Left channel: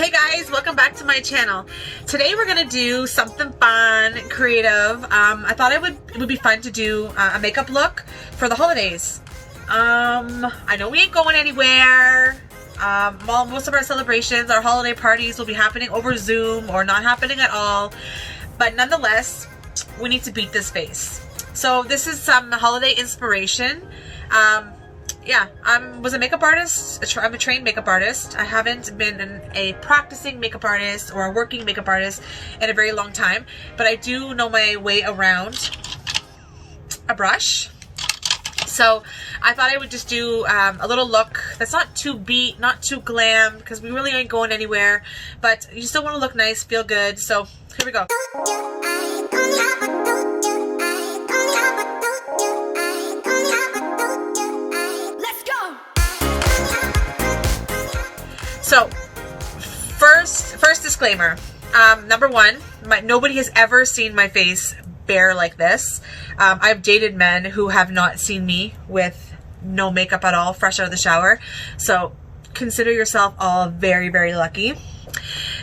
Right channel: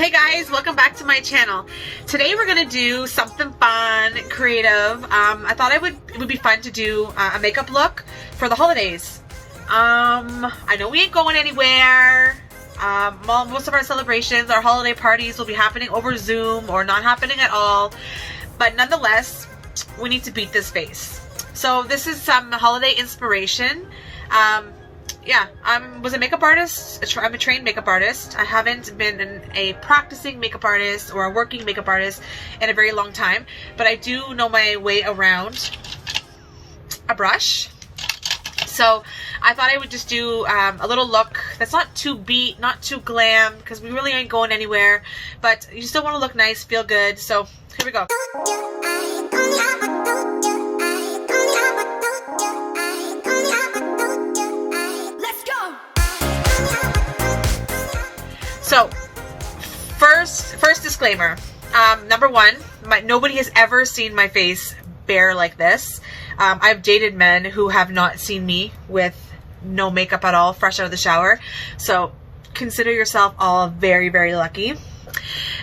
Hey guys, welcome back to my channel. Today we're gonna do something fun, creative. I thought it would be fun to do a makeup look for the holidays. I know we ain't going anywhere. Most of our celebrations, our holiday parties will be happening over Zoom or not happening at all. But nonetheless, we need to beat this face. So this is some holiday inspiration. Yeah, I was a makeup artist. I'm a trained makeup artist. I haven't been a practicing makeup artist or a working makeup artist in a very long time, but I do know my way around a brush. So I thought I would just do a little look that's not too beat, not too glam, because we really ain't going anywhere, but you still want to look nice, feel good. So here we go. So, first disclaimer. Number one, nobody has ever seen my face bare like this. I've dated men who have not seen me with no makeup at all, fresh out of the shower. So, consider yourself all very, very lucky.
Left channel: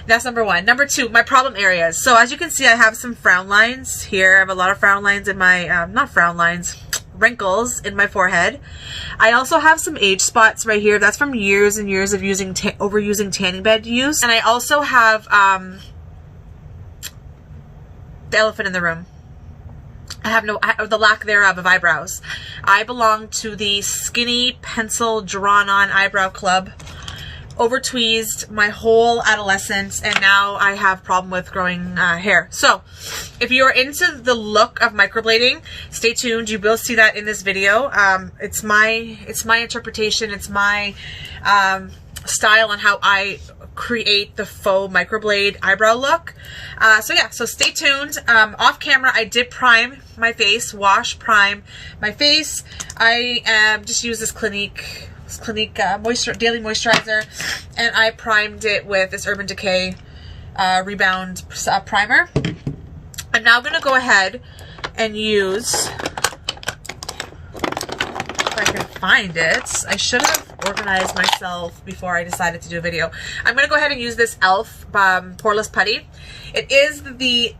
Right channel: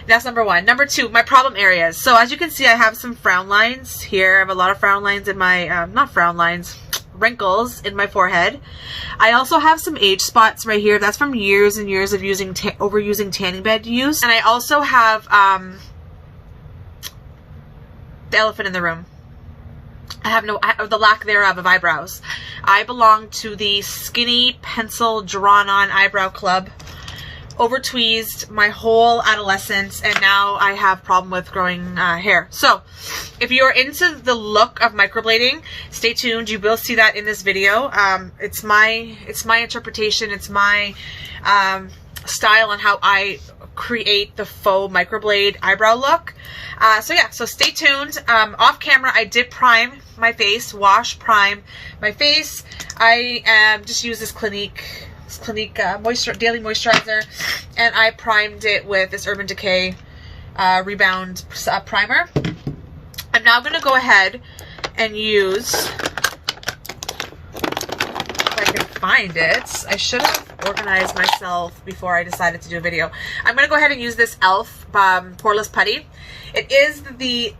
That's number one. Number two, my problem areas. So, as you can see, I have some frown lines here. I have a lot of frown lines in my, not frown lines, wrinkles in my forehead. I also have some age spots right here. That's from years and years of overusing tanning bed use. And I also have the elephant in the room. I have the lack thereof of eyebrows. I belong to the skinny pencil drawn on eyebrow club. Over tweezed my whole adolescence, and now I have problem with growing hair. So if you're into the look of microblading, stay tuned. You will see that in this video. It's my interpretation. It's my style on how I create the faux microblade eyebrow look. So yeah, so stay tuned. Off camera, I did prime my face, prime my face. I just use this Clinique daily moisturizer, and I primed it with this Urban Decay Rebound primer. I'm now going to go ahead and use, if I can find it, I should have organized myself before I decided to do a video. I'm going to go ahead and use this e.l.f. Poreless Putty. it is the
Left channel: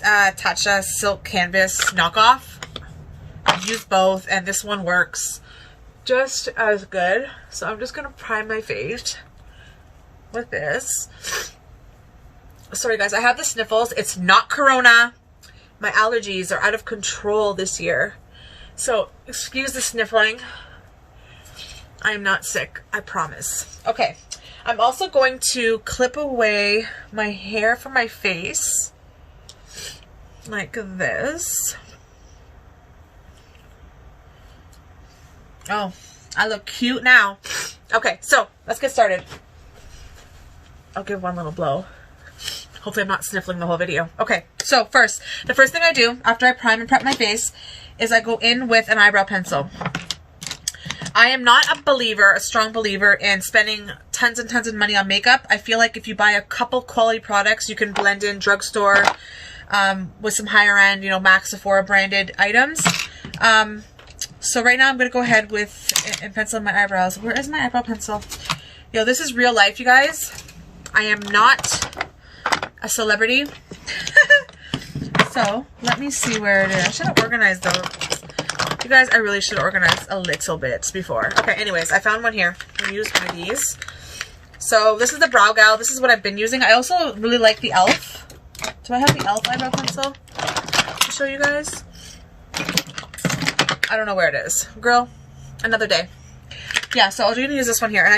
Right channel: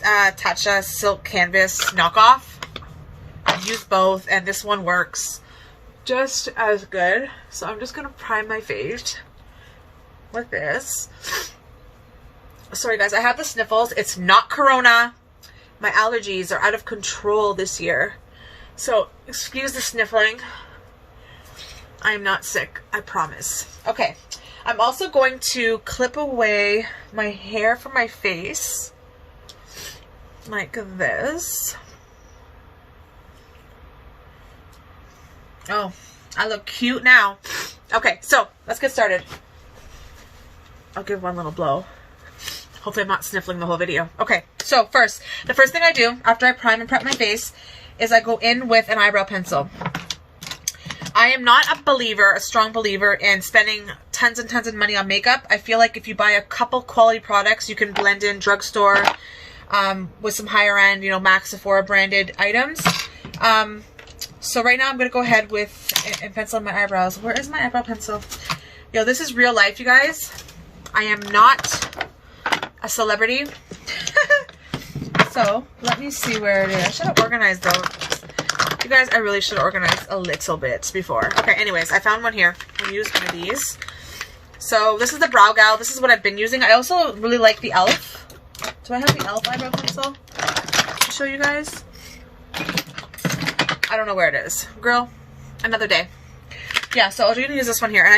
Tatcha Silk Canvas knockoff. I've used both, and this one works just as good. So I'm just gonna prime my face with this. Sorry guys, I have the sniffles. It's not corona. My allergies are out of control this year, so excuse the sniffling. I am not sick, I promise. Okay, I'm also going to clip away my hair from my face like this. Oh, I look cute now. Okay, so let's get started. I'll give one little blow. Hopefully I'm not sniffling the whole video. Okay, so the first thing I do after I prime and prep my face is I go in with an eyebrow pencil. I am not a strong believer in spending tons and tons of money on makeup. I feel like if you buy a couple quality products, you can blend in drugstore with some higher end, MAC, Sephora branded items. So right now I'm going to go ahead and pencil in my eyebrows. Where is my eyebrow pencil? Yo, this is real life, you guys. I am not a celebrity. So let me see where it is. I should have organized those. You guys, I really should have organized a little bit before. Okay, anyways, I found one here. I'm going to use one of these. So this is the Brow Gal. This is what I've been using. I also really like the e.l.f. Do I have the e.l.f. eyebrow pencil to show you guys? I don't know where it is. Girl, another day. Yeah, so I'm going to use this one here. And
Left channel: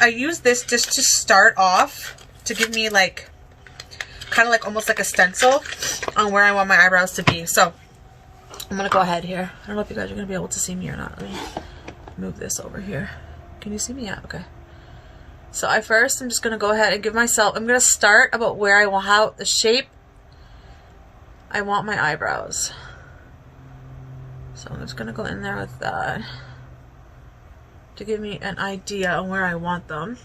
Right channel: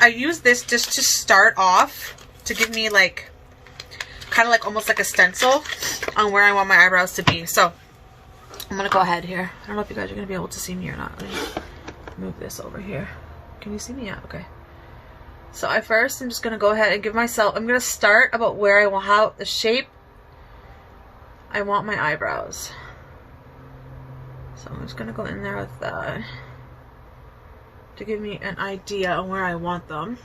I use this just to start off to give me kind of almost like a stencil on where I want my eyebrows to be. So I'm going to go ahead here. I don't know if you guys are going to be able to see me or not. Let me move this over here. Can you see me? Yeah, okay. So I'm just going to go ahead and give myself, I'm going to start about where I want, how the shape I want my eyebrows. So I'm just going to go in there with that to give me an idea on where I want them.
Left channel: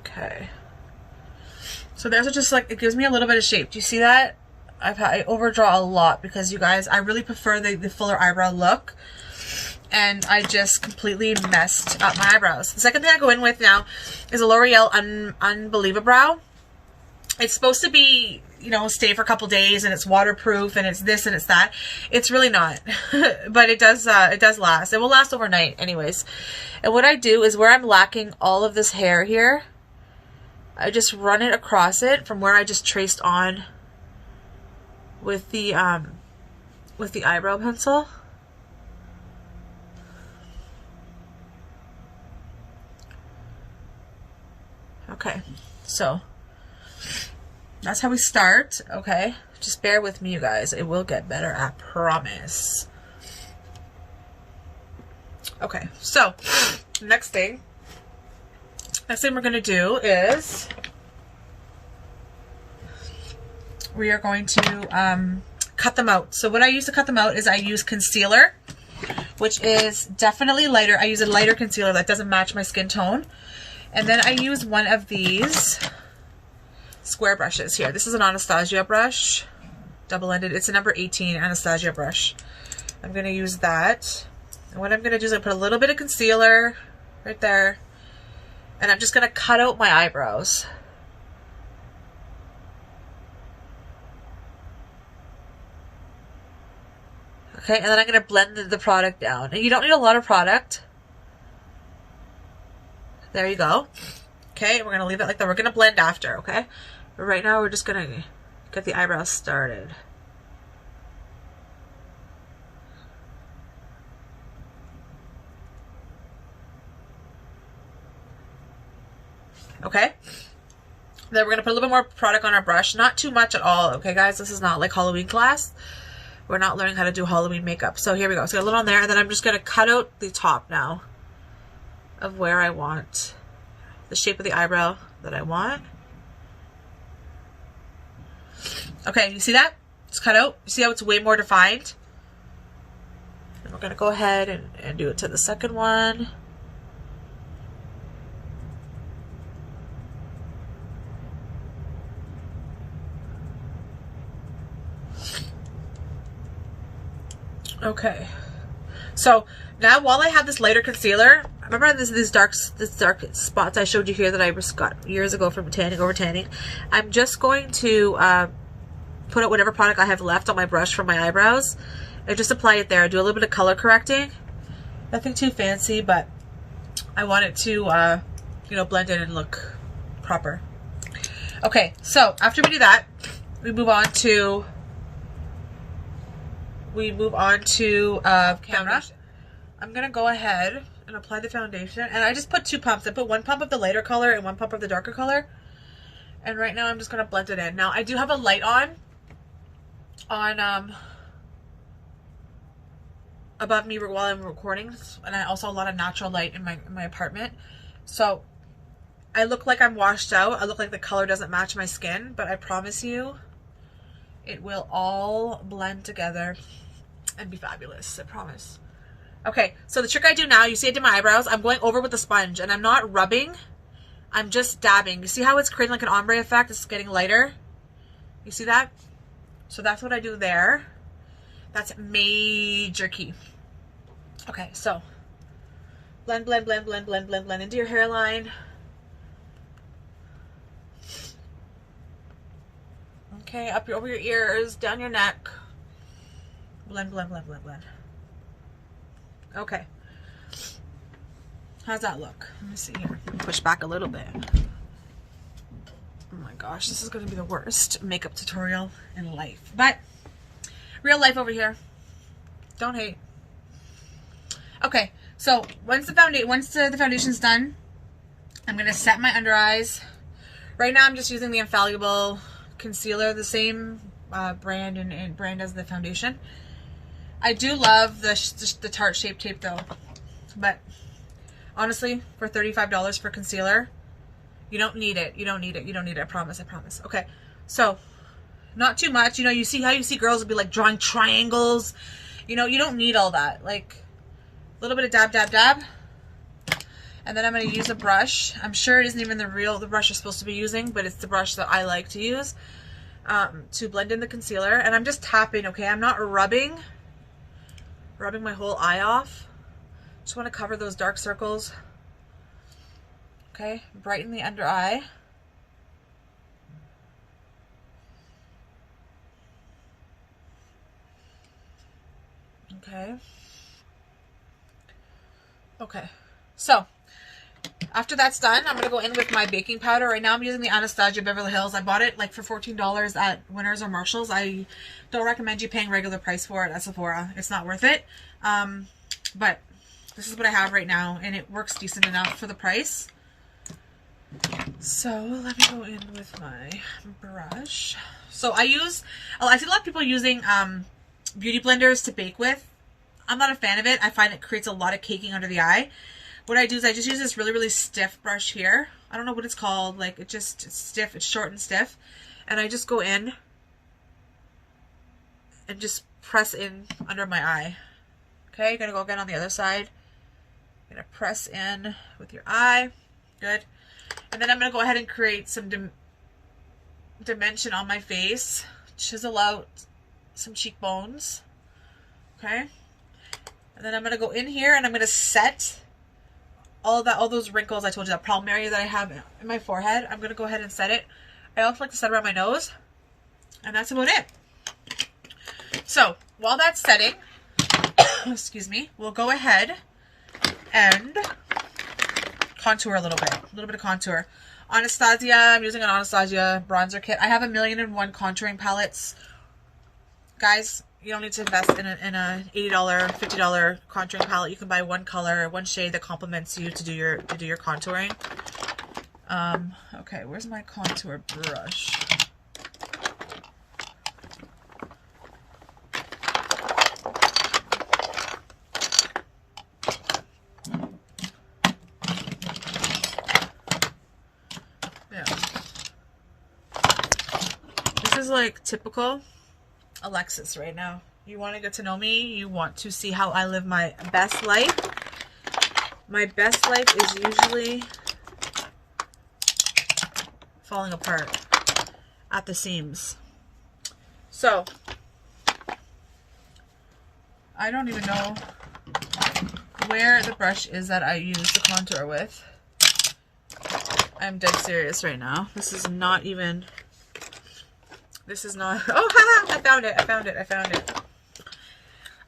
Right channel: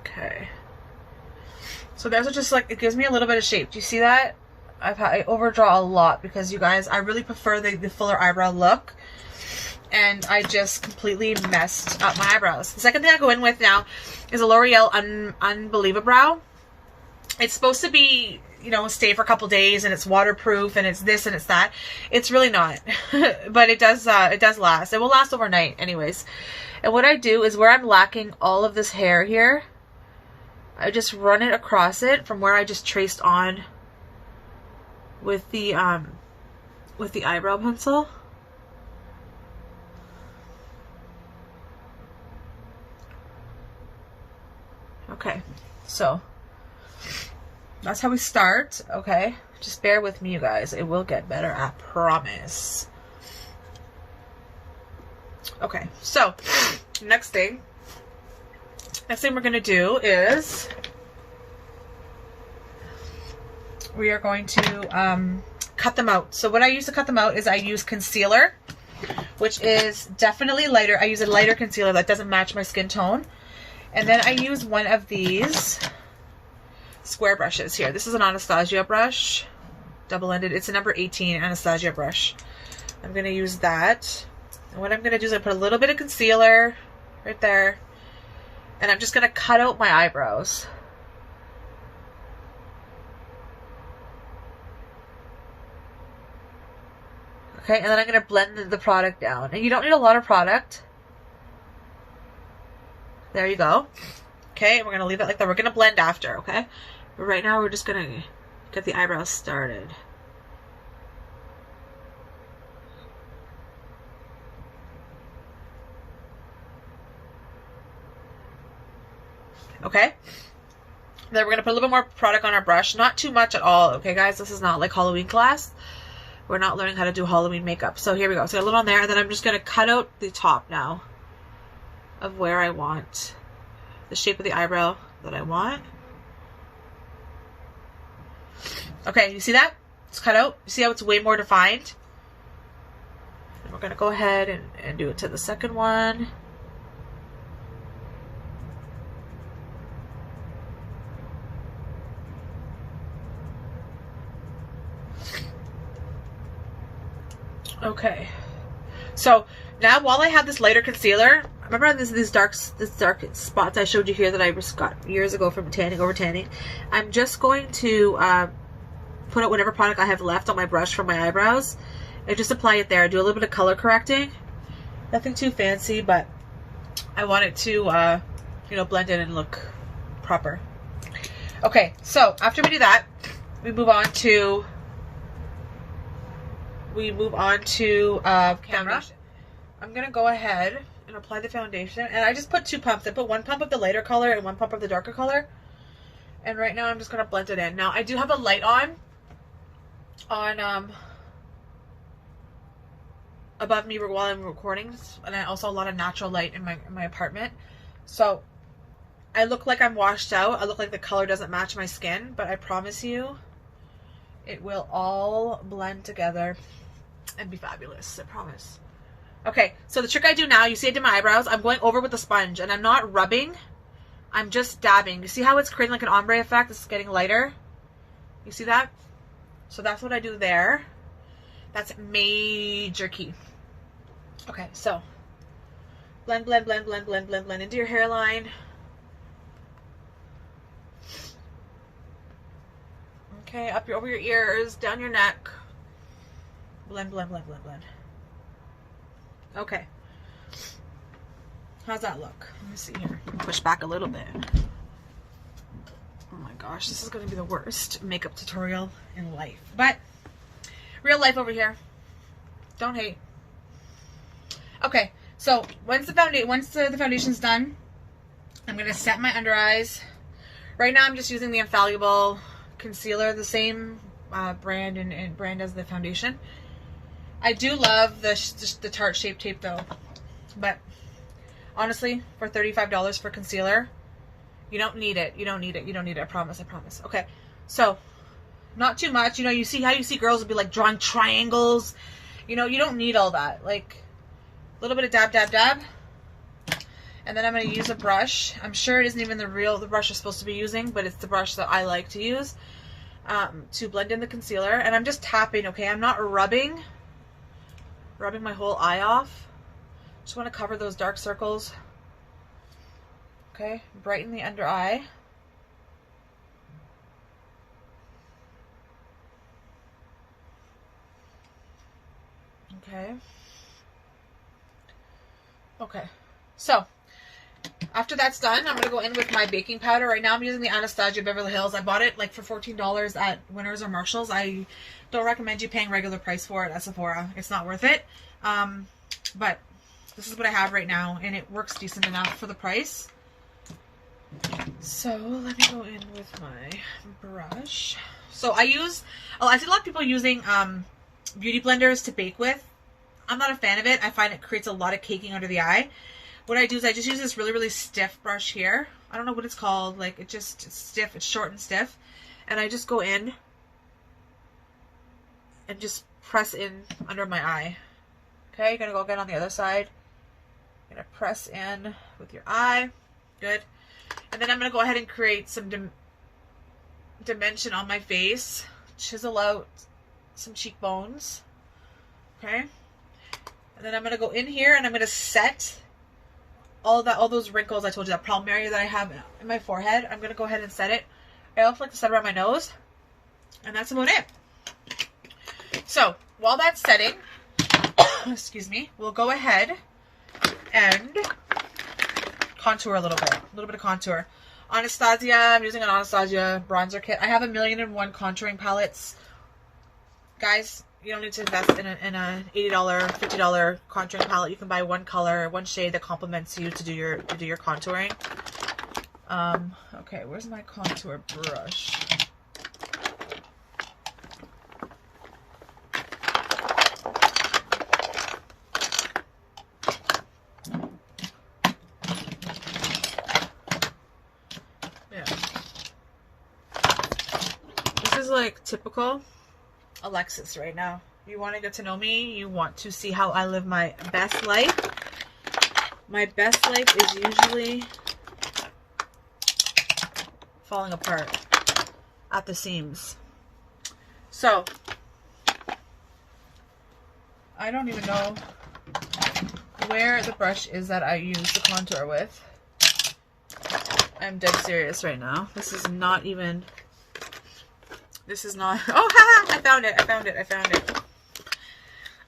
Okay. So there's just it gives me a little bit of shape. Do you see that? I overdraw a lot because, you guys, I really prefer the fuller eyebrow look. And I just completely messed up my eyebrows. The second thing I go in with now is a L'Oreal Unbelievable. It's supposed to be, you know, stay for a couple days, and it's waterproof, and it's this and it's that. It's really not. But it does last. It will last overnight anyways. And what I do is, where I'm lacking all of this hair here, I just run it across it from where I just traced on with the eyebrow pencil. Okay, so that's how we start. Okay, just bear with me, you guys. It will get better, I promise. Okay, so next thing we're gonna do is we are going to cut them out. So what I use to cut them out is I use concealer, which is definitely lighter. I use a lighter concealer that doesn't match my skin tone. And then I use one of these square brushes here. This is an Anastasia brush, double-ended. It's a number 18 Anastasia brush. I'm going to use that. And what I'm going to do is I put a little bit of concealer right there. And I'm just going to cut out my eyebrows. Okay, and then I'm going to blend the product down. And you don't need a lot of product. There you go. Okay, we're going to leave it like that. We're going to blend after, okay? But right now, we're just going to get the eyebrows started. Okay? Then we're going to put a little bit more product on our brush. Not too much at all, okay, guys? This is not like Halloween class. We're not learning how to do Halloween makeup. So here we go. So a little on there, and then I'm just going to cut out the top now of where I want the shape of the eyebrow that I want. Okay, you see that? It's cut out. You see how it's way more defined? And we're going to go ahead and do it to the second one. Okay. So now, while I have this lighter concealer, remember this dark spots I showed you here that I got years ago from over tanning? I'm just going to put out whatever product I have left on my brush for my eyebrows and just apply it there. Do a little bit of color correcting. Nothing too fancy, but I want it to, you know, blend in and look proper. Okay, so after we do that, we move on to foundation. I'm gonna go ahead and apply the foundation, and I just put 2 pumps. I put 1 pump of the lighter color and 1 pump of the darker color, and right now I'm just gonna blend it in. Now I do have a light on above me while I'm recording, and I also a lot of natural light in my apartment, so I look like I'm washed out. I look like the color doesn't match my skin, but I promise you it will all blend together and be fabulous. I promise. Okay, so the trick I do now, you see I did my eyebrows. I'm going over with a sponge, and I'm not rubbing. I'm just dabbing. You see how it's creating like an ombre effect? It's getting lighter. You see that? So that's what I do there. That's major key. Okay, so blend, blend, blend, blend, blend, blend, blend into your hairline. Okay, over your ears, down your neck. Blend, blend, blend, blend, blend. Okay. How's that look? Let me see here. Push back a little bit. Oh my gosh, this is going to be the worst makeup tutorial in life. But real life over here. Don't hate. Okay, so once the foundation's done, I'm going to set my under eyes. Right now I'm just using the Infallible concealer, the same brand and brand as the foundation. I do love the Tarte Shape Tape though, but honestly, for $35 for concealer, you don't need it. You don't need it. You don't need it. I promise. I promise. Okay, so not too much. You know, you see how you see girls will be like drawing triangles. You know, you don't need all that. Like a little bit of dab, dab, dab. And then I'm going to use a brush. I'm sure it isn't even the brush you're supposed to be using, but it's the brush that I like to use. to blend in the concealer. And I'm just tapping, okay? I'm not rubbing my whole eye off. Just want to cover those dark circles. Okay, brighten the under eye. Okay. Okay, so after that's done, I'm going to go in with my baking powder. Right now I'm using the Anastasia Beverly Hills. I bought it like for $14 at Winners or Marshalls. I don't recommend you paying regular price for it at Sephora. It's not worth it. But this is what I have right now, and it works decent enough for the price. So let me go in with my brush. So I see a lot of people using beauty blenders to bake with. I'm not a fan of it. I find it creates a lot of caking under the eye. What I do is I just use this really, really stiff brush here. I don't know what it's called. Like, it's stiff. It's short and stiff. And I just go in and just press in under my eye. Okay, you're going to go again on the other side. You're going to press in with your eye. Good. And then I'm going to go ahead and create some dimension on my face. Chisel out some cheekbones. Okay. And then I'm going to go in here and I'm going to set all those wrinkles I told you, that problem area that I have in my forehead. I'm going to go ahead and set it. I also like to set around my nose. And that's about it. So while that's setting, excuse me, we'll go ahead and contour a little bit of contour. Anastasia, I'm using an Anastasia bronzer kit. I have 1,000,001 contouring palettes. Guys, you don't need to invest in a $80, $50 contouring palette. You can buy one color, one shade that complements you to do your contouring. Okay, where's my contour brush? Yeah. This is like typical Alexis right now. You want to get to know me. You want to see how I live my best life. My best life is usually falling apart at the seams. So I don't even know where the brush is that I use to contour with. I'm dead serious right now. This is not, oh, haha, I found it.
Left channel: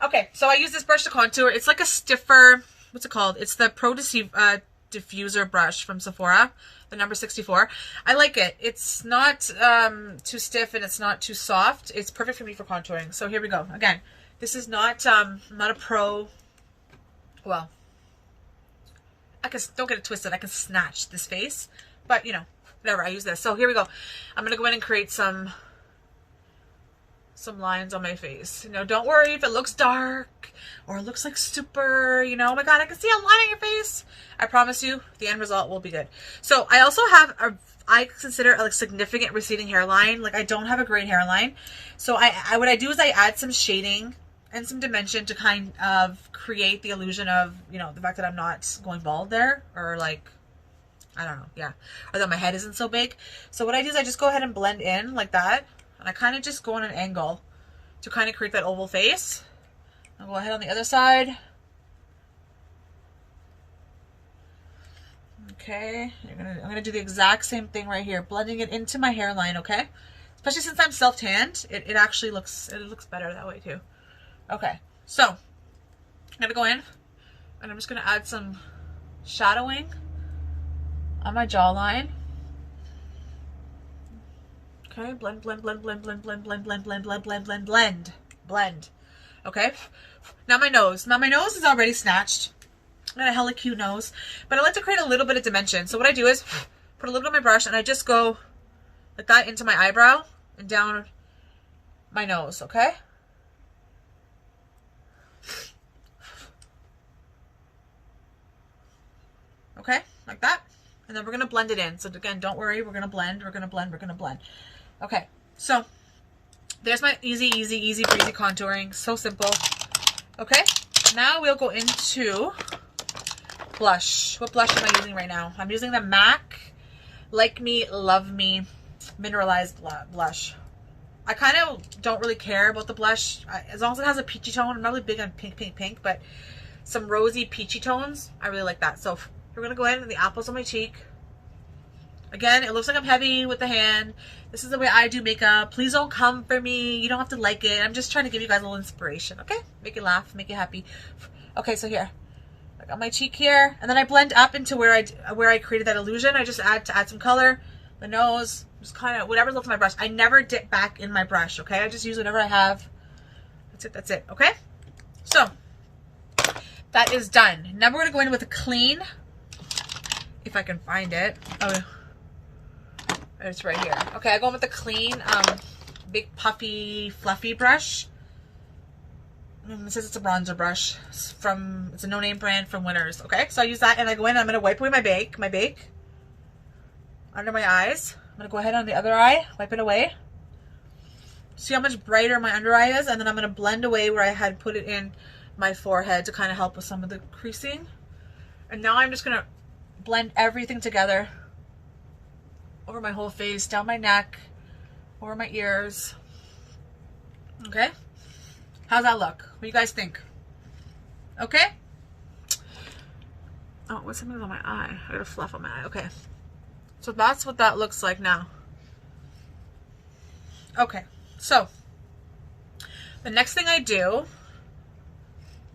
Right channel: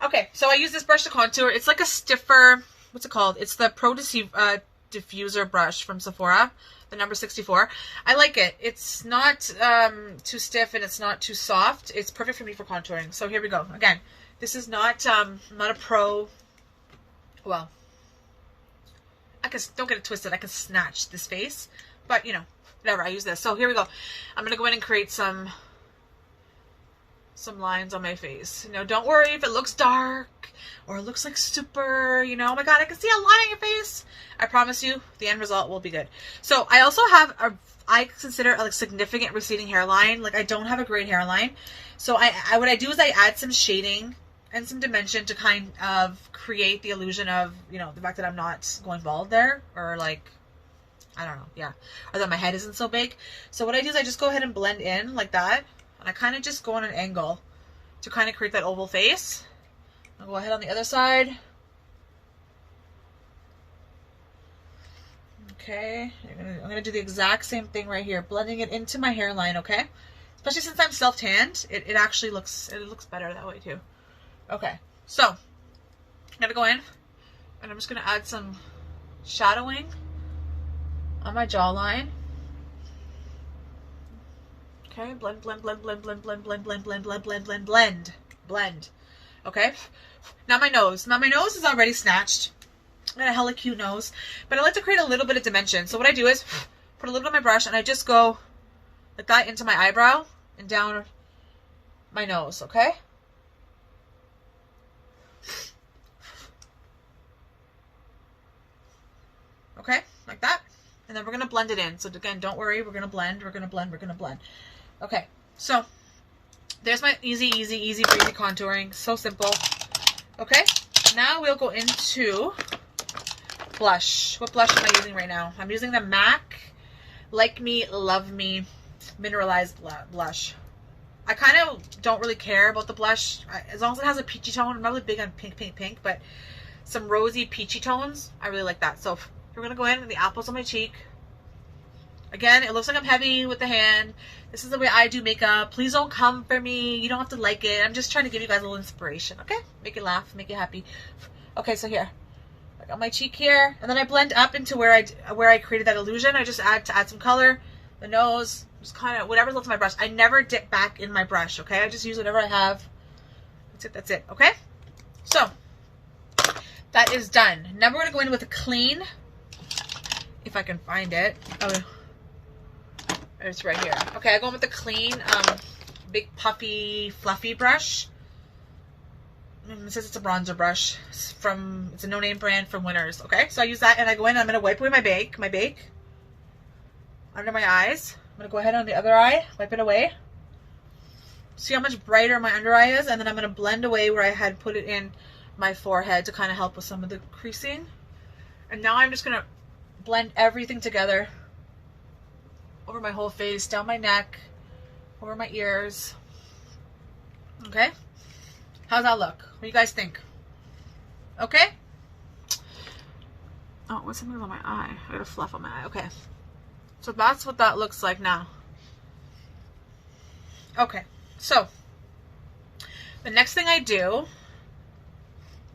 Okay, so I use this brush to contour. It's like a stiffer, what's it called? It's the Pro Diffuser brush from Sephora, the number 64. I like it. It's not too stiff and it's not too soft. It's perfect for me for contouring. So here we go. Again, this is not a pro, well, don't get it twisted. I can snatch this face, but you know, whatever, I use this. So here we go. I'm going to go in and create some lines on my face. You know, don't worry if it looks dark or it looks like super, you know, oh my God, I can see a line on your face. I promise you the end result will be good. So I also have I consider a significant receding hairline. Like, I don't have a great hairline. So what I do is I add some shading and some dimension to kind of create the illusion of, you know, the fact that I'm not going bald there, or like, I don't know, yeah, or that my head isn't so big. So what I do is I just go ahead and blend in like that, and I kind of just go on an angle to kind of create that oval face. I'll go ahead on the other side. Okay, I'm gonna do the exact same thing right here, blending it into my hairline. Okay, especially since I'm self-tanned, it actually looks better that way too. Okay, so I'm gonna go in and I'm just gonna add some shadowing on my jawline. Okay, blend. Okay, now my nose. Now my nose is already snatched. I got a hella cute nose, but I like to create a little bit of dimension. So what I do is put a little bit on my brush and I just go like that into my eyebrow and down my nose, okay? Okay, like that. And then we're gonna blend it in. So again, don't worry, we're gonna blend. Okay, so there's my easy breezy contouring. So simple. Okay, now we'll go into blush. What blush am I using right now? I'm using the MAC Like Me, Love Me Mineralized Blush. I kind of don't really care about the blush. As long as it has a peachy tone. I'm not really big on pink, pink, pink, but some rosy peachy tones, I really like that. So we're gonna go in with the apples on my cheek. Again, it looks like I'm heavy with the hand. This is the way I do makeup. Please don't come for me. You don't have to like it. I'm just trying to give you guys a little inspiration, okay? Make you laugh, make you happy. Okay, so here, I got my cheek here, and then I blend up into where I created that illusion. I just add some color, the nose, just kind of whatever's left of my brush. I never dip back in my brush, okay? I just use whatever I have. That's it, okay? So that is done. Now we're gonna go in with a clean, if I can find it. Oh, it's right here. Okay, I go in with a clean, big puffy, fluffy brush. It says it's a bronzer brush. It's a no-name brand from Winners. Okay, so I use that and I go in and I'm gonna wipe away my bake under my eyes. I'm gonna go ahead on the other eye, wipe it away. See how much brighter my under eye is, and then I'm gonna blend away where I had put it in my forehead to kind of help with some of the creasing. And now I'm just gonna blend everything together over my whole face, down my neck, over my ears. Okay, how's that look? What do you guys think? Okay. Oh, what's something on my eye? I got a fluff on my eye. Okay, so that's what that looks like now. Okay, so the next thing I do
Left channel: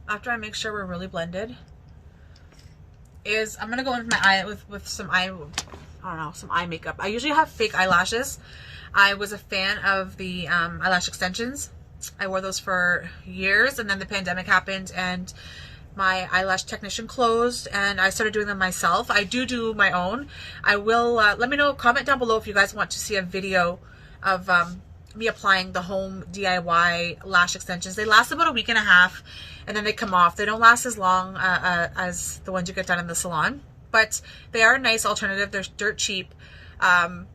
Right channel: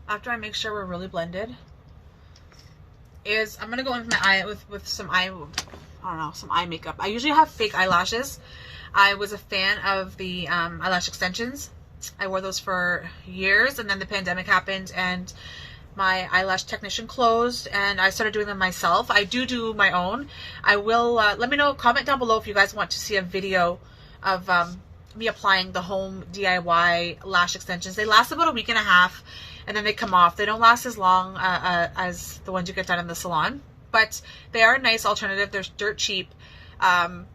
after I make sure we're really blended is I'm gonna go in with my eye with some some eye makeup. I usually have fake eyelashes. I was a fan of the eyelash extensions. I wore those for years, and then the pandemic happened and my eyelash technician closed and I started doing them myself. I do my own. I will let me know, comment down below if you guys want to see a video of me applying the home DIY lash extensions. They last about a week and a half and then they come off. They don't last as long as the ones you get done in the salon, but they are a nice alternative. They're dirt cheap, and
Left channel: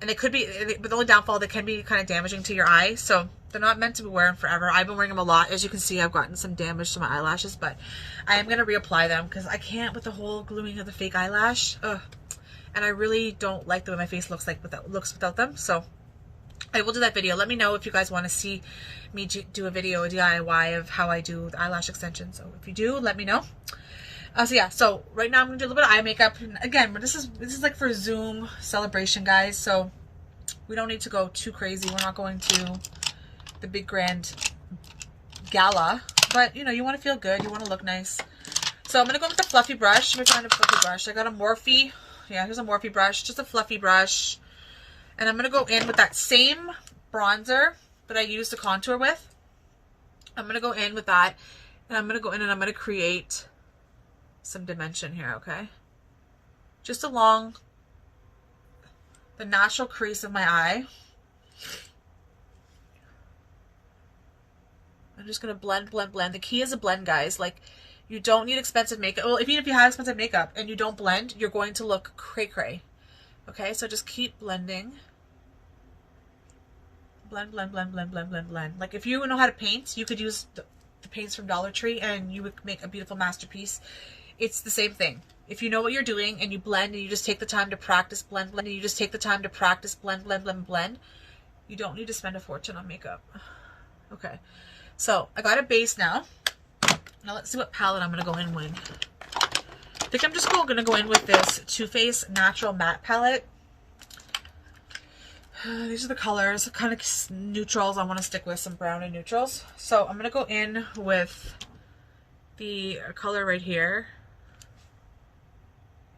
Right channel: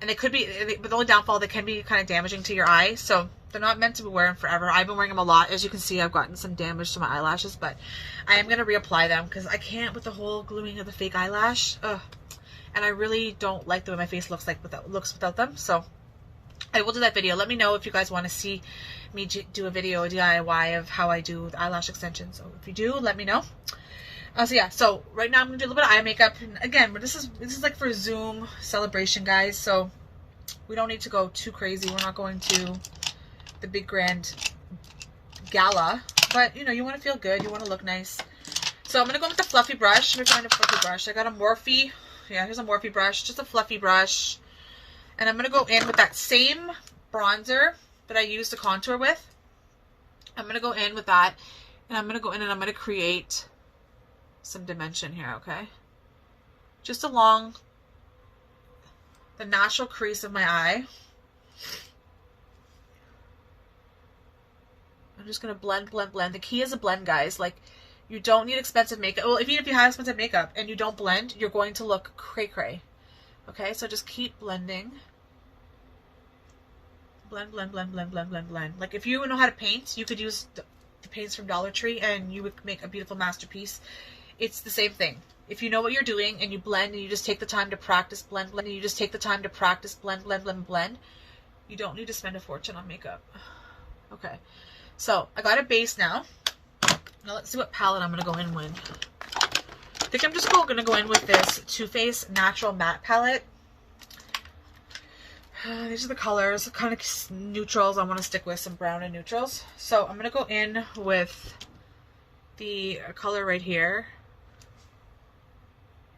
they could be, but the only downfall, they can be kind of damaging to your eye, so they're not meant to be wearing forever. I've been wearing them a lot. As you can see, I've gotten some damage to my eyelashes, but I am going to reapply them because I can't with the whole gluing of the fake eyelash. Ugh. And I really don't like the way my face looks without them, so I will do that video. Let me know if you guys want to see me do a video, a DIY of how I do the eyelash extension. So if you do, let me know. So yeah, so right now I'm gonna do a little bit of eye makeup. And again, this is like for Zoom celebration, guys. So we don't need to go too crazy. We're not going to the big grand gala, but you know, you want to feel good. You want to look nice. So I'm gonna go with the fluffy brush. Let me find a fluffy brush. I got a Morphe. Yeah, here's a Morphe brush, just a fluffy brush. And I'm going to go in with that same bronzer that I used to contour with. I'm going to go in with that. And I'm going to go in and I'm going to create some dimension here, okay? Just along the natural crease of my eye. I'm just going to blend, blend, blend. The key is a blend, guys. Like, you don't need expensive makeup. Well, even if you have expensive makeup and you don't blend, you're going to look cray-cray. Okay, so just keep blending. Blend, blend, blend, blend, blend, blend, blend. Like if you know how to paint, you could use the paints from Dollar Tree and you would make a beautiful masterpiece. It's the same thing. If you know what you're doing and you blend and you just take the time to practice, blend, blend, and you just take the time to practice, blend, blend, blend, blend, you don't need to spend a fortune on makeup. Okay, so I got a base now. Now let's see what palette I'm going to go in with. I think I'm just going to go in with this Too Faced Natural Matte Palette. These are the colors, kind of neutrals. I want to stick with some brown and neutrals. So I'm going to go in with the color right here,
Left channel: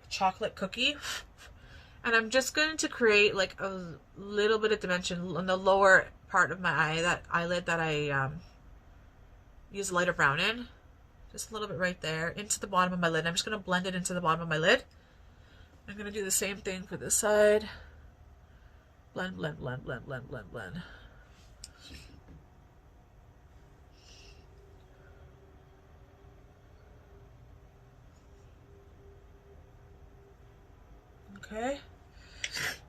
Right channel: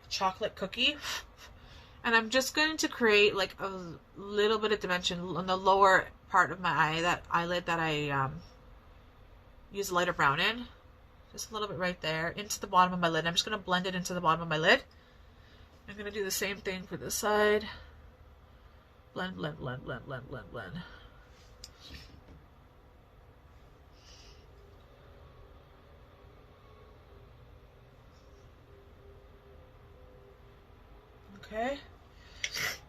Chocolate Cookie. And I'm just going to create like a little bit of dimension on the lower part of my eye, that eyelid that I use lighter brown in. Just a little bit right there, into the bottom of my lid. I'm just going to blend it into the bottom of my lid. I'm going to do the same thing for this side. Blend, blend, blend, blend, blend, blend, blend. Okay.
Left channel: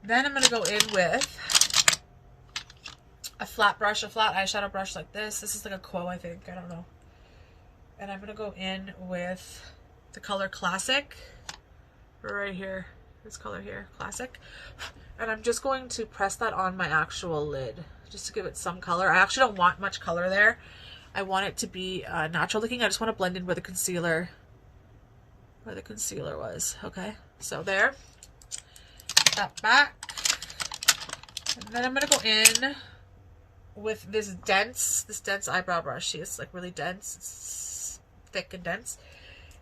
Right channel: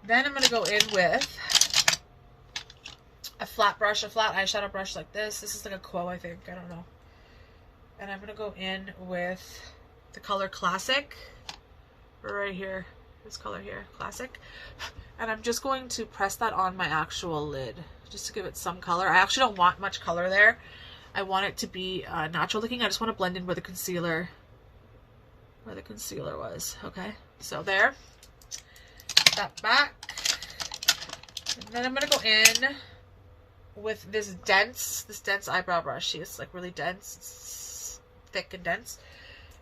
Then I'm going to go in with a flat brush, a flat eyeshadow brush like this. This is like a Quo, I think. I don't know. And I'm going to go in with the color Classic. Right here. This color here, Classic. And I'm just going to press that on my actual lid. just to give it some color. I actually don't want much color there. I want it to be natural looking. I just want to blend in where the concealer was. Okay, so there. Put that back. And then I'm going to go in with this dense eyebrow brush. It's like really dense. It's thick and dense.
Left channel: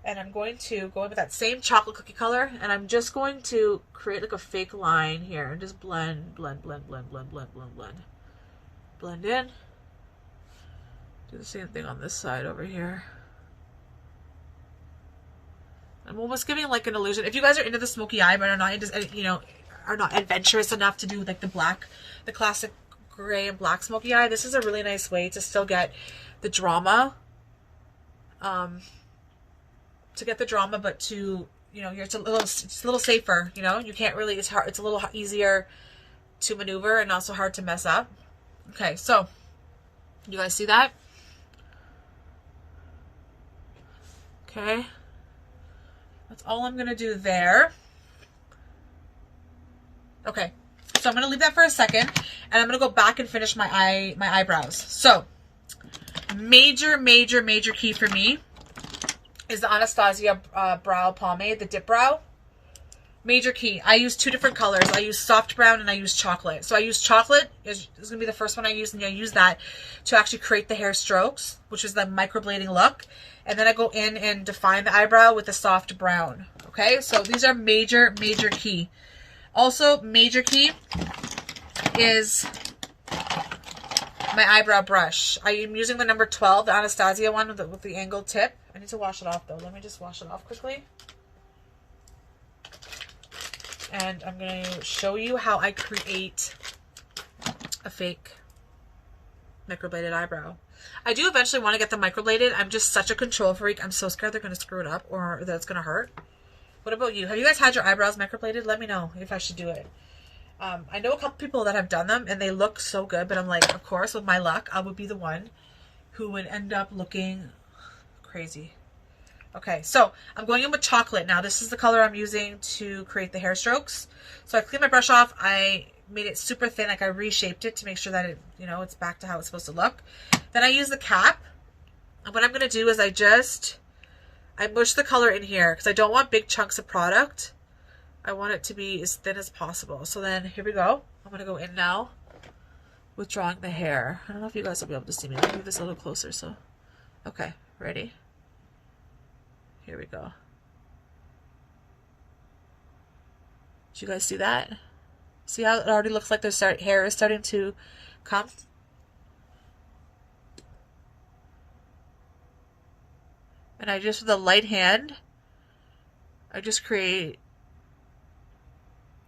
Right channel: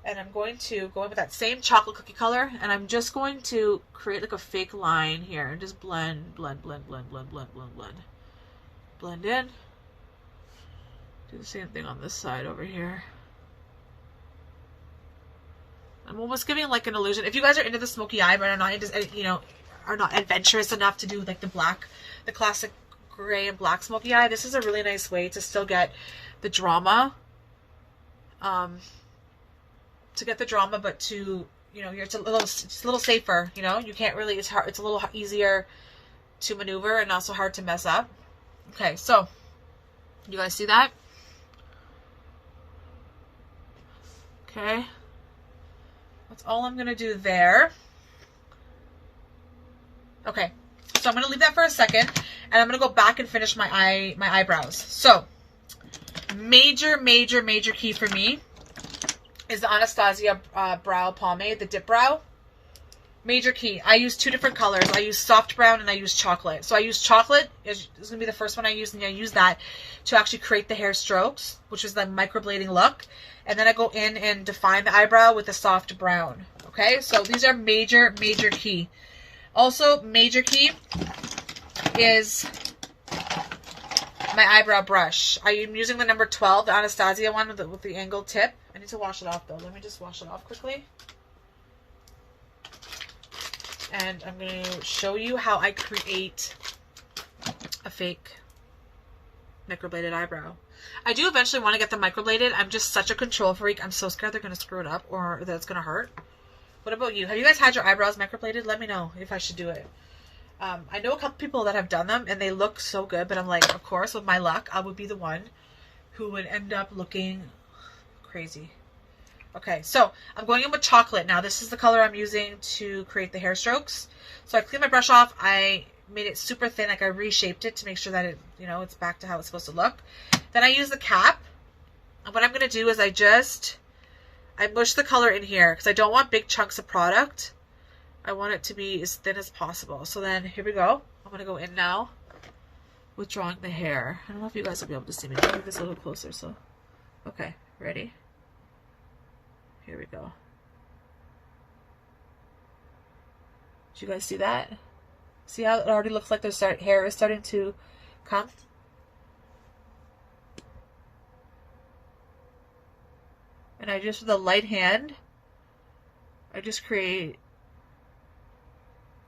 And I'm going to go in with that same chocolate cookie color, and I'm just going to create like a fake line here and just blend in. Do the same thing on this side over here. I'm almost giving like an illusion. If you guys are into the smoky eye but are not, you know, are not adventurous enough to do like the classic gray and black smoky eye, this is a really nice way to still get the drama. But to, you know, it's a little safer, you know, you can't really, it's a little easier to maneuver and not so hard to mess up. Okay, so you guys see that? Okay, that's all I'm gonna do there. Okay, so I'm gonna leave that for a second, and I'm gonna go back and finish my eyebrows. So major key for me is the Anastasia brow pomade, the dip brow. Major key. I use two different colors. I use soft brown and I use chocolate. So I use chocolate. Is going to be the first one I use, and I use that to actually create the hair strokes, which is the microblading look. And then I go in and define the eyebrow with the soft brown. Okay, so these are major key. Also, major key is my eyebrow brush. I am using the number 12, the Anastasia one with the angled tip. I need to wash it off though. Let me just wash it off quickly. And I'm going to show you how I create a fake microbladed eyebrow. I do eventually want to get them microbladed. I'm just such a control freak. I'm so scared they're going to screw it up or that it's going to hurt. What about you? Have you guys had your eyebrows microbladed? Let me know if I should do it. I know a couple people that have done them and they look so good, but I'm like, of course, with my luck, I would be the one who would end up looking crazy. Okay, so I'm going in with chocolate. Now, this is the color I'm using to create the hair strokes. So I cleaned my brush off. I made it super thin, like I reshaped it to make sure that it, you know, it's back to how it's supposed to look. Then I use the cap. And what I'm going to do is I mush the color in here because I don't want big chunks of product. I want it to be as thin as possible. So then here we go. I'm going to go in now with drawing the hair. I don't know if you guys will be able to see me. Let me move this a little closer. So, okay, ready? Here we go. Did you guys see that? See how it already looks like their hair is starting to come? And I just, with a light hand, I just create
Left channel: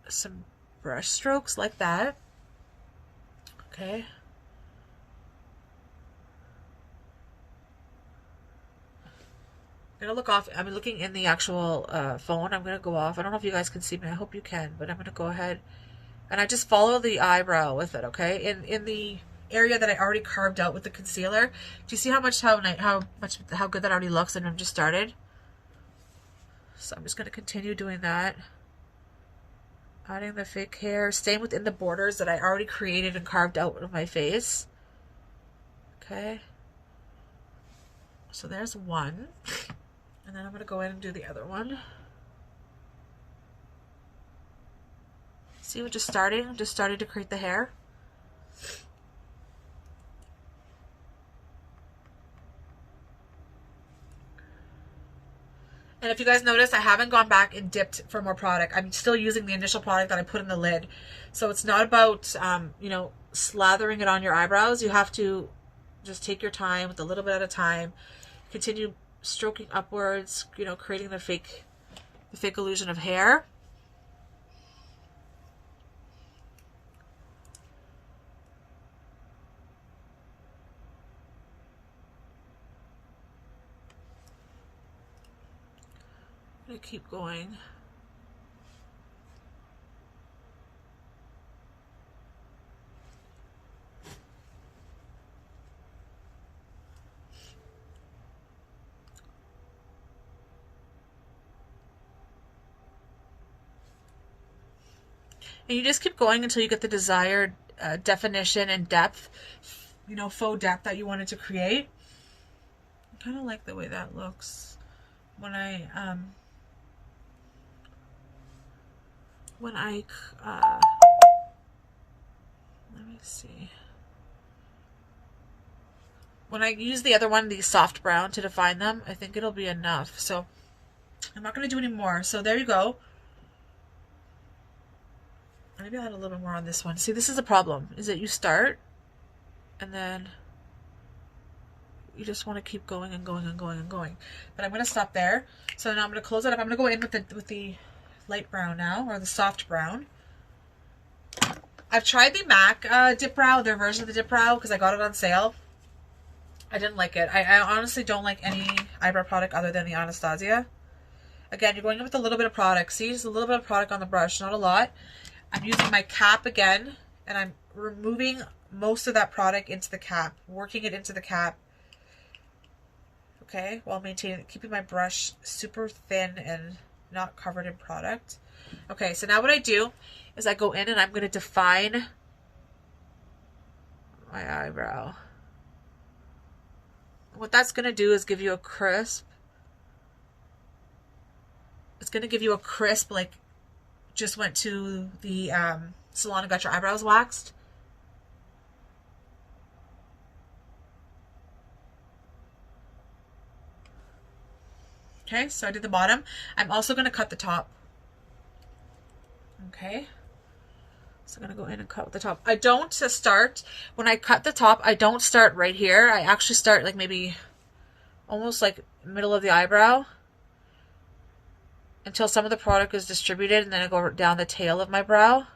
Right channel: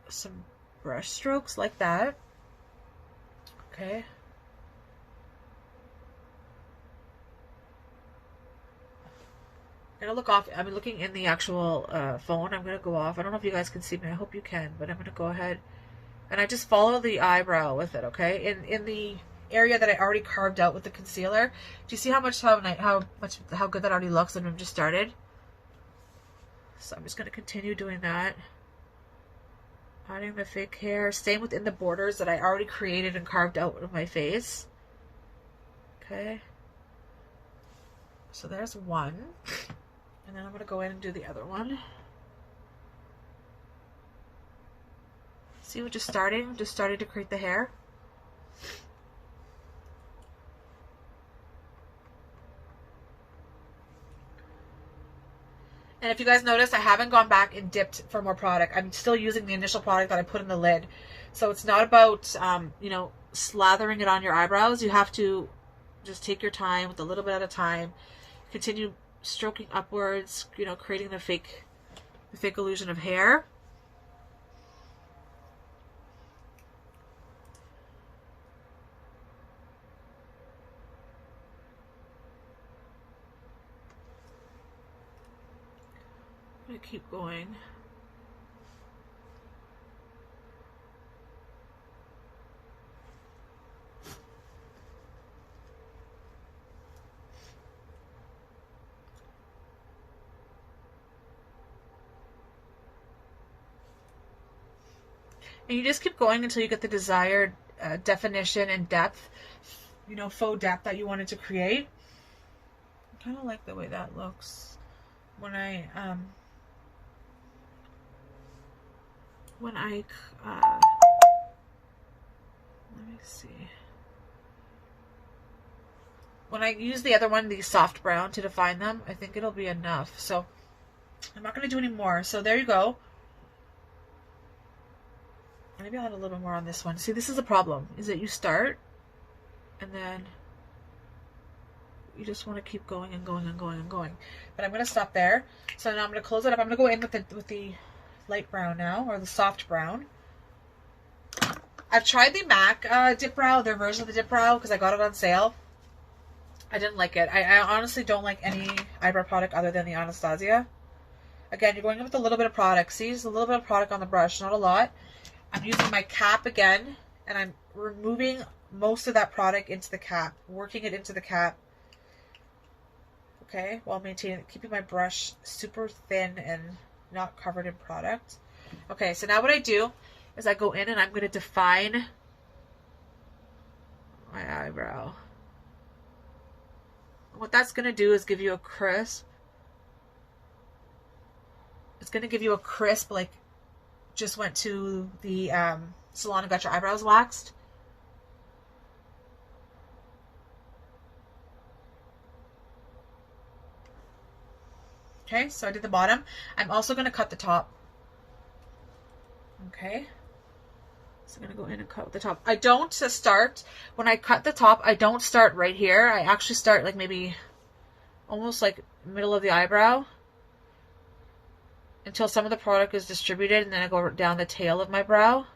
some brush strokes like that. Okay. I'm gonna look off. I'm looking in the actual phone. I'm gonna go off. I don't know if you guys can see me. I hope you can, but I'm gonna go ahead and I just follow the eyebrow with it. Okay, in the area that I already carved out with the concealer. Do you see how good that already looks? And I'm just started. So I'm just gonna continue doing that. Adding the fake hair, staying within the borders that I already created and carved out of my face. Okay. So there's one. And then I'm going to go in and do the other one. See, we're just starting to create the hair. And if you guys notice, I haven't gone back and dipped for more product. I'm still using the initial product that I put in the lid. So it's not about, you know, slathering it on your eyebrows. You have to just take your time with a little bit at a time. Continue stroking upwards, you know, creating the fake illusion of hair. I'm going to keep going. And you just keep going until you get the desired definition and depth, you know, faux depth that you wanted to create. I kind of like the way that looks when I let me see. When I use the other one, the soft brown, to define them, I think it'll be enough. So I'm not going to do any more. So there you go. Maybe I'll add a little bit more on this one. See, this is the problem, is that you start and then you just want to keep going and going and going and going. But I'm going to stop there. So now I'm going to close it up. I'm going to go in with the light brown now, or the soft brown. I've tried the MAC dip brow, their version of the dip brow, because I got it on sale. I didn't like it. I honestly don't like any eyebrow product other than the Anastasia. Again, you're going in with a little bit of product. See, just a little bit of product on the brush, not a lot. I'm using my cap again, and I'm removing most of that product into the cap, working it into the cap. Okay, while keeping my brush super thin and not covered in product. Okay, so now what I do is I go in and I'm going to define my eyebrow. What that's going to do is give you a crisp. It's going to give you a crisp, like just went to the salon and got your eyebrows waxed. Okay, so I did the bottom. I'm also going to cut the top. Okay. So I'm going to go in and cut the top. I don't start, when I cut the top, I don't start right here. I actually start like maybe almost like middle of the eyebrow until some of the product is distributed, and then I go down the tail of my brow.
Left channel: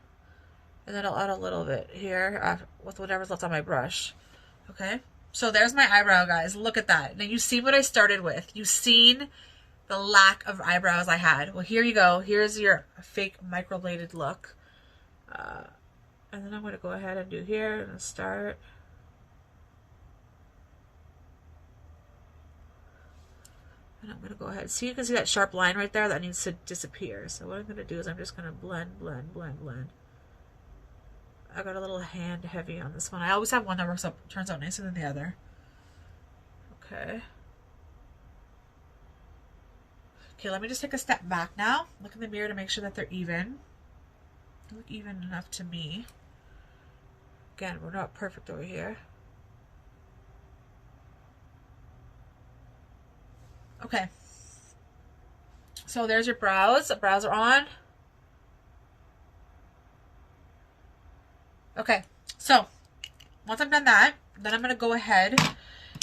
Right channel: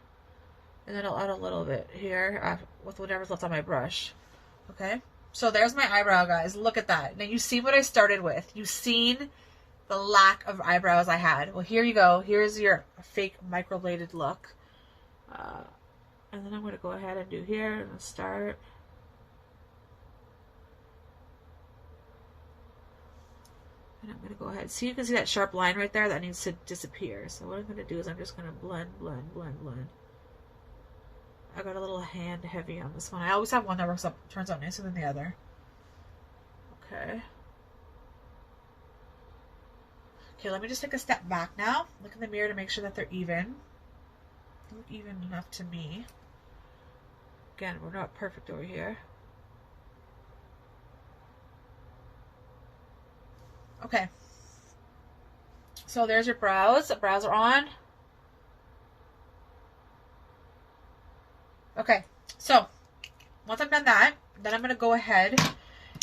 And then I'll add a little bit here with whatever's left on my brush. Okay, so there's my eyebrow, guys. Look at that. Now you see what I started with. You've seen the lack of eyebrows I had. Well, here you go. Here's your fake microbladed look. And then I'm going to go ahead and do here and start. And I'm going to go ahead. See, you can see that sharp line right there that needs to disappear. So what I'm going to do is I'm just going to blend, blend, blend, blend. I got a little hand heavy on this one. I always have one that turns out nicer than the other. Okay. Okay, let me just take a step back now. Look in the mirror to make sure that they're even. They look even enough to me. Again, we're not perfect over here. Okay. So there's your brows. The brows are on. Okay, so once I've done that, then I'm going to go ahead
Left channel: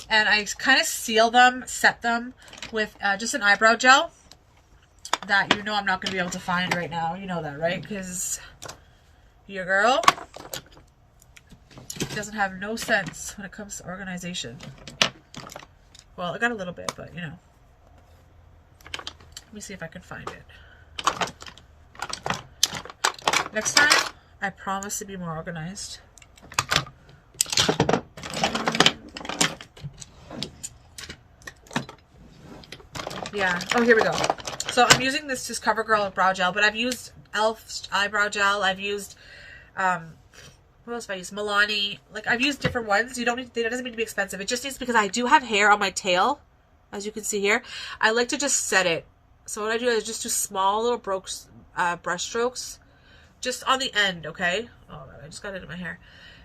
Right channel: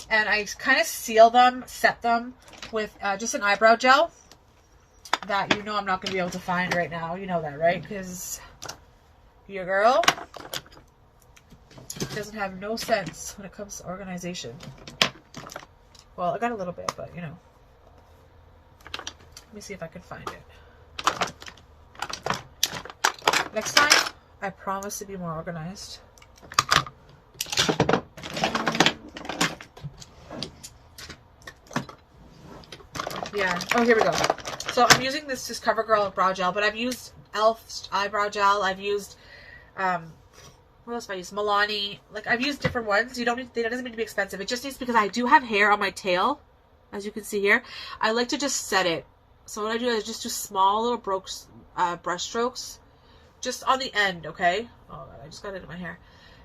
and I kind of seal them, set them with just an eyebrow gel that you know I'm not going to be able to find right now. You know that, right? Because your girl doesn't have no sense when it comes to organization. Well, I got a little bit, but you know. Let me see if I can find it. Next time, I promise to be more organized. Yeah. Oh, here we go. So I'm using this just CoverGirl brow gel, but I've used e.l.f. eyebrow gel. I've used, what else have I used? Milani. Like, I've used different ones. You don't need, it doesn't need to be expensive. It just needs, because I do have hair on my tail, as you can see here. I like to just set it. So what I do is just do small little brush strokes. Just on the end, okay? Oh, I just got it in my hair.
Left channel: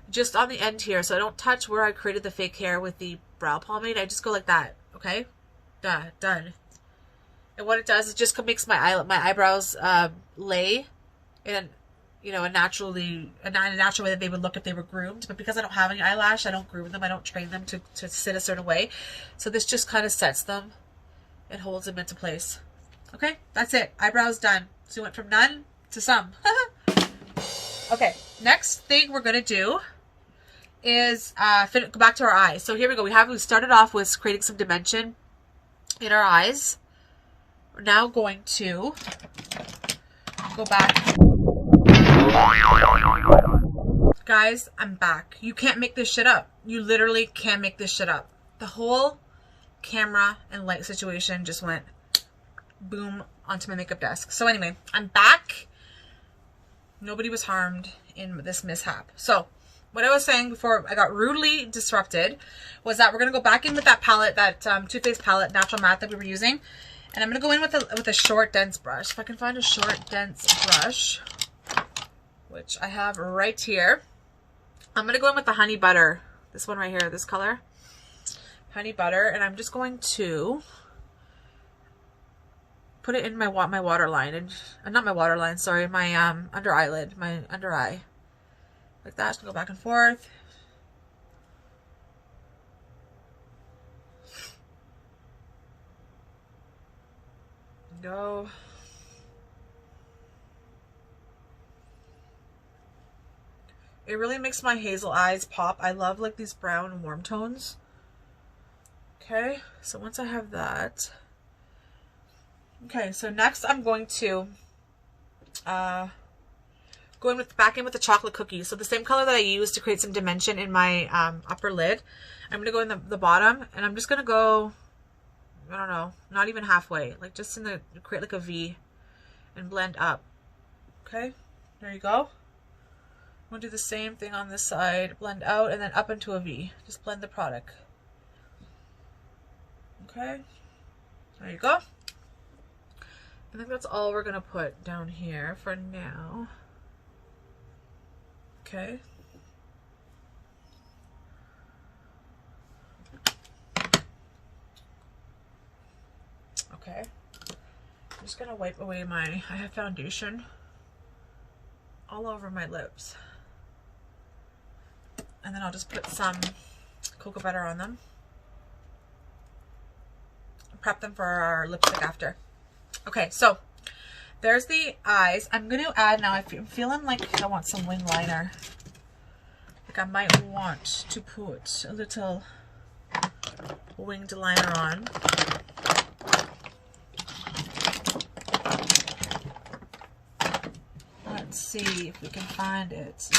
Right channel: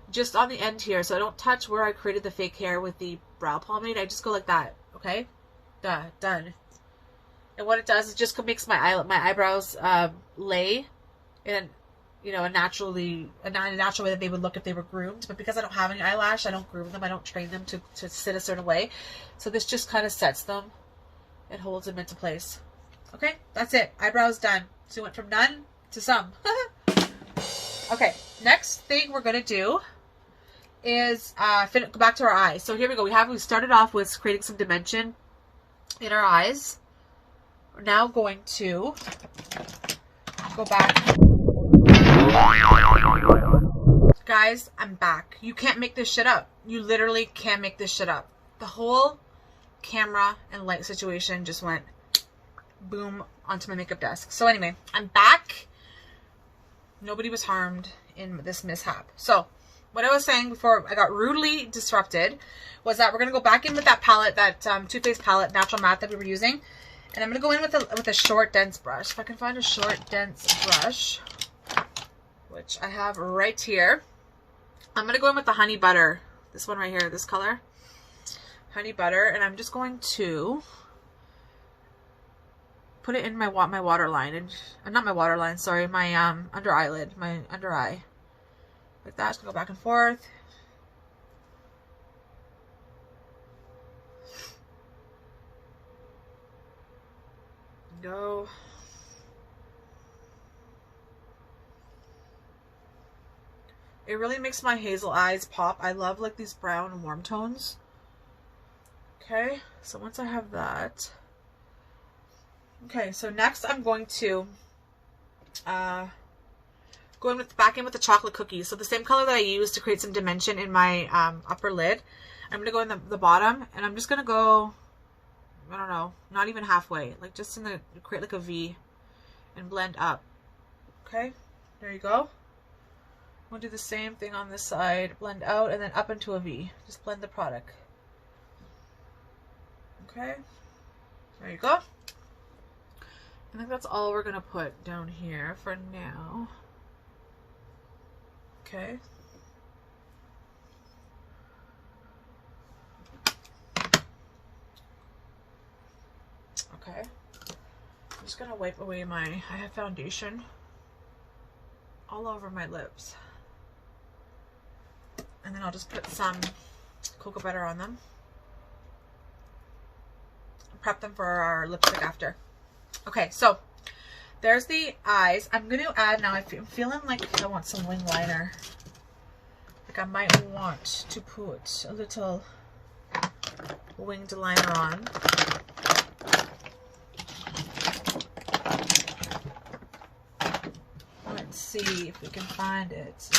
Just on the end here, so I don't touch where I created the fake hair with the brow pomade. I just go like that, okay? Done. And what it does is just makes my eyebrows lay in, you know, a natural way that they would look if they were groomed. But because I don't have any eyelash, I don't groom them. I don't train them to sit a certain way. So this just kind of sets them and holds them into place. Okay, that's it. Eyebrows done. So we went from none to some. Okay, next thing we're going to do is go back to our eyes. So here we go. We started off with creating some dimension in our eyes. We're now going to go back. Guys, I'm back. You can't make this shit up. You literally can't make this shit up. The whole camera and light situation just went boom onto my makeup desk. So anyway, I'm back. Nobody was harmed in this mishap. So what I was saying before I got rudely disrupted was that we're going to go back in with that palette, that Too Faced palette, Natural Matte that we were using. And I'm going to go in with a short, dense brush. If I can find a short, dense brush, which I have right here. I'm going to go in with the Honey Butter. This one right here, this color. Honey Butter. And I'm just going to put it in my waterline. And not my waterline, sorry. My under eyelid. My under eye. Like that. Just go back and forth. Go. It really makes my hazel eyes pop. I love like these brown warm tones. Okay, so once I have that. Okay, so next I'm going to go in with back in with the chocolate cookies. So the same color that I used to create some dimension in my upper lid. I'm going to go in the bottom, and I'm just going to go, I don't know, not even halfway, like just in the, create like a V and blend up. Okay, there you go. I'm going to do the same thing on this side, blend out and then up into a V. Just blend the product. Okay, there you go. I think that's all we're going to put down here for now. Okay. Okay. I'm just going to wipe away I have foundation all over my lips. And then I'll just put some cocoa butter on them. Prep them for our lipstick after. Okay, so there's the eyes. I'm going to add now, I'm feeling like I want some wing liner. Like I might want to put a little winged liner on. Let's see if we can find it.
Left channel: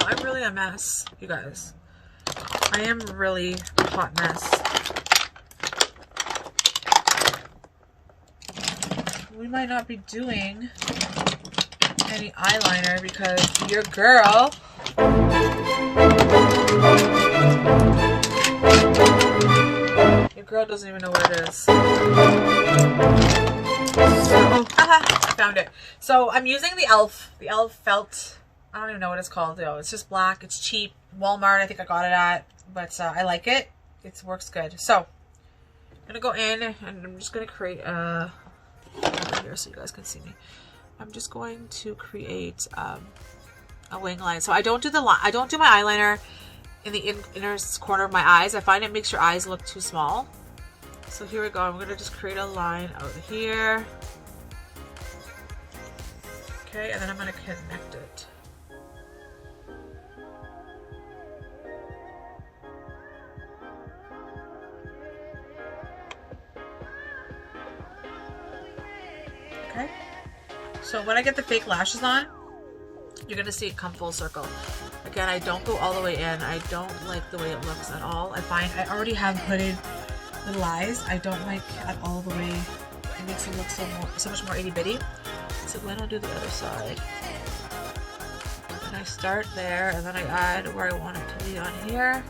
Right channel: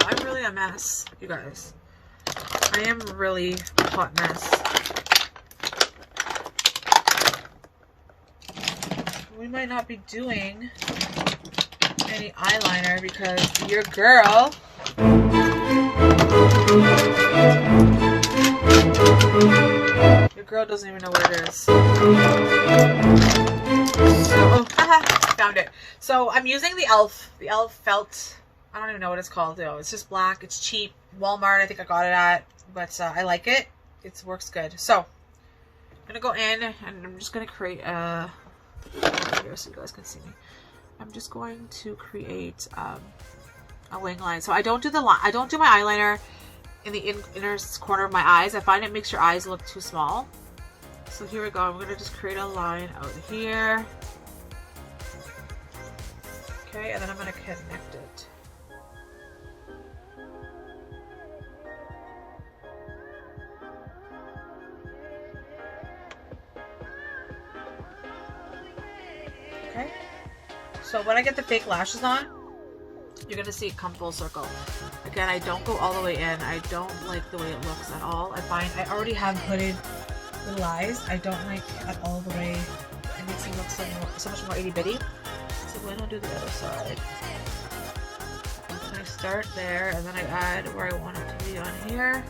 I'm really a mess, you guys. I am really a hot mess. We might not be doing any eyeliner because your girl doesn't even know where it is. So, I found it. So I'm using the e.l.f. felt. I don't even know what it's called though. It's just black. It's cheap. Walmart, I think I got it at. But I like it. It works good. So I'm going to go in and I'm just going to create a... here so you guys can see me. I'm just going to create a wing line. So I don't do my eyeliner in the inner corner of my eyes. I find it makes your eyes look too small. So here we go. I'm going to just create a line out here. Okay, and then I'm going to connect it. Okay, so when I get the fake lashes on, you're going to see it come full circle. Again, I don't go all the way in. I don't like the way it looks at all. I find I already have hooded little eyes. I don't like at all the way it makes it look so much more itty bitty. So then I'll do the other side. And I start there and then I add where I want it to be on here.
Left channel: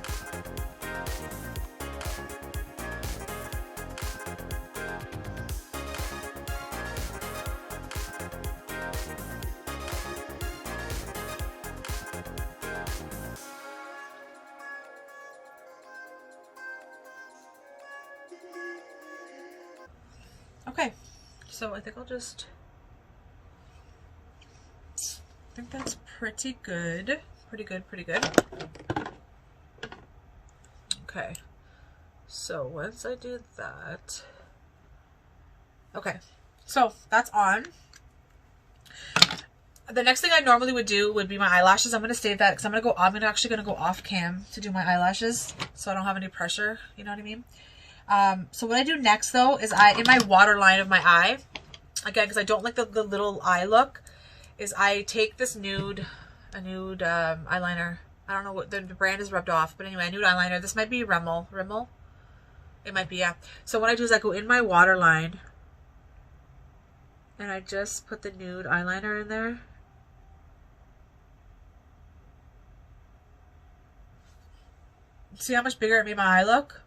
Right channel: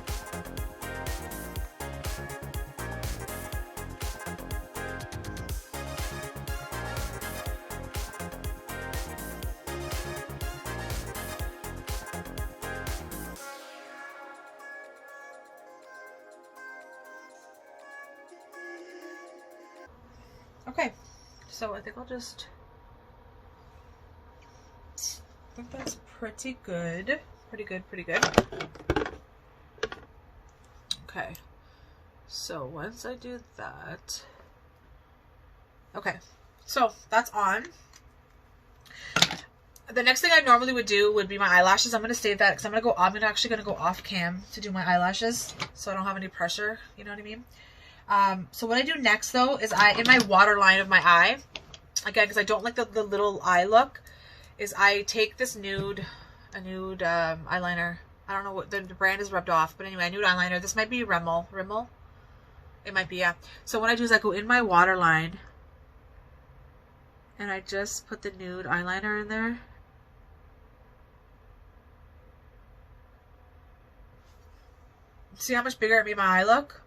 Okay, so I think I'll just, I think that's pretty good. Pretty good. Okay, so once I do that, okay, so that's on. The next thing I normally would do would be my eyelashes. I'm going to save that because I'm actually going to go off cam to do my eyelashes so I don't have any pressure, you know what I mean? So what I do next though is in my waterline of my eye, again, because I don't like the little eye look, is I take this nude eyeliner. I don't know what the brand is rubbed off, but anyway, a nude eyeliner. This might be Rimmel. Rimmel? It might be, yeah. So what I do is I go in my waterline and I just put the nude eyeliner in there. See how much bigger it made my eye look?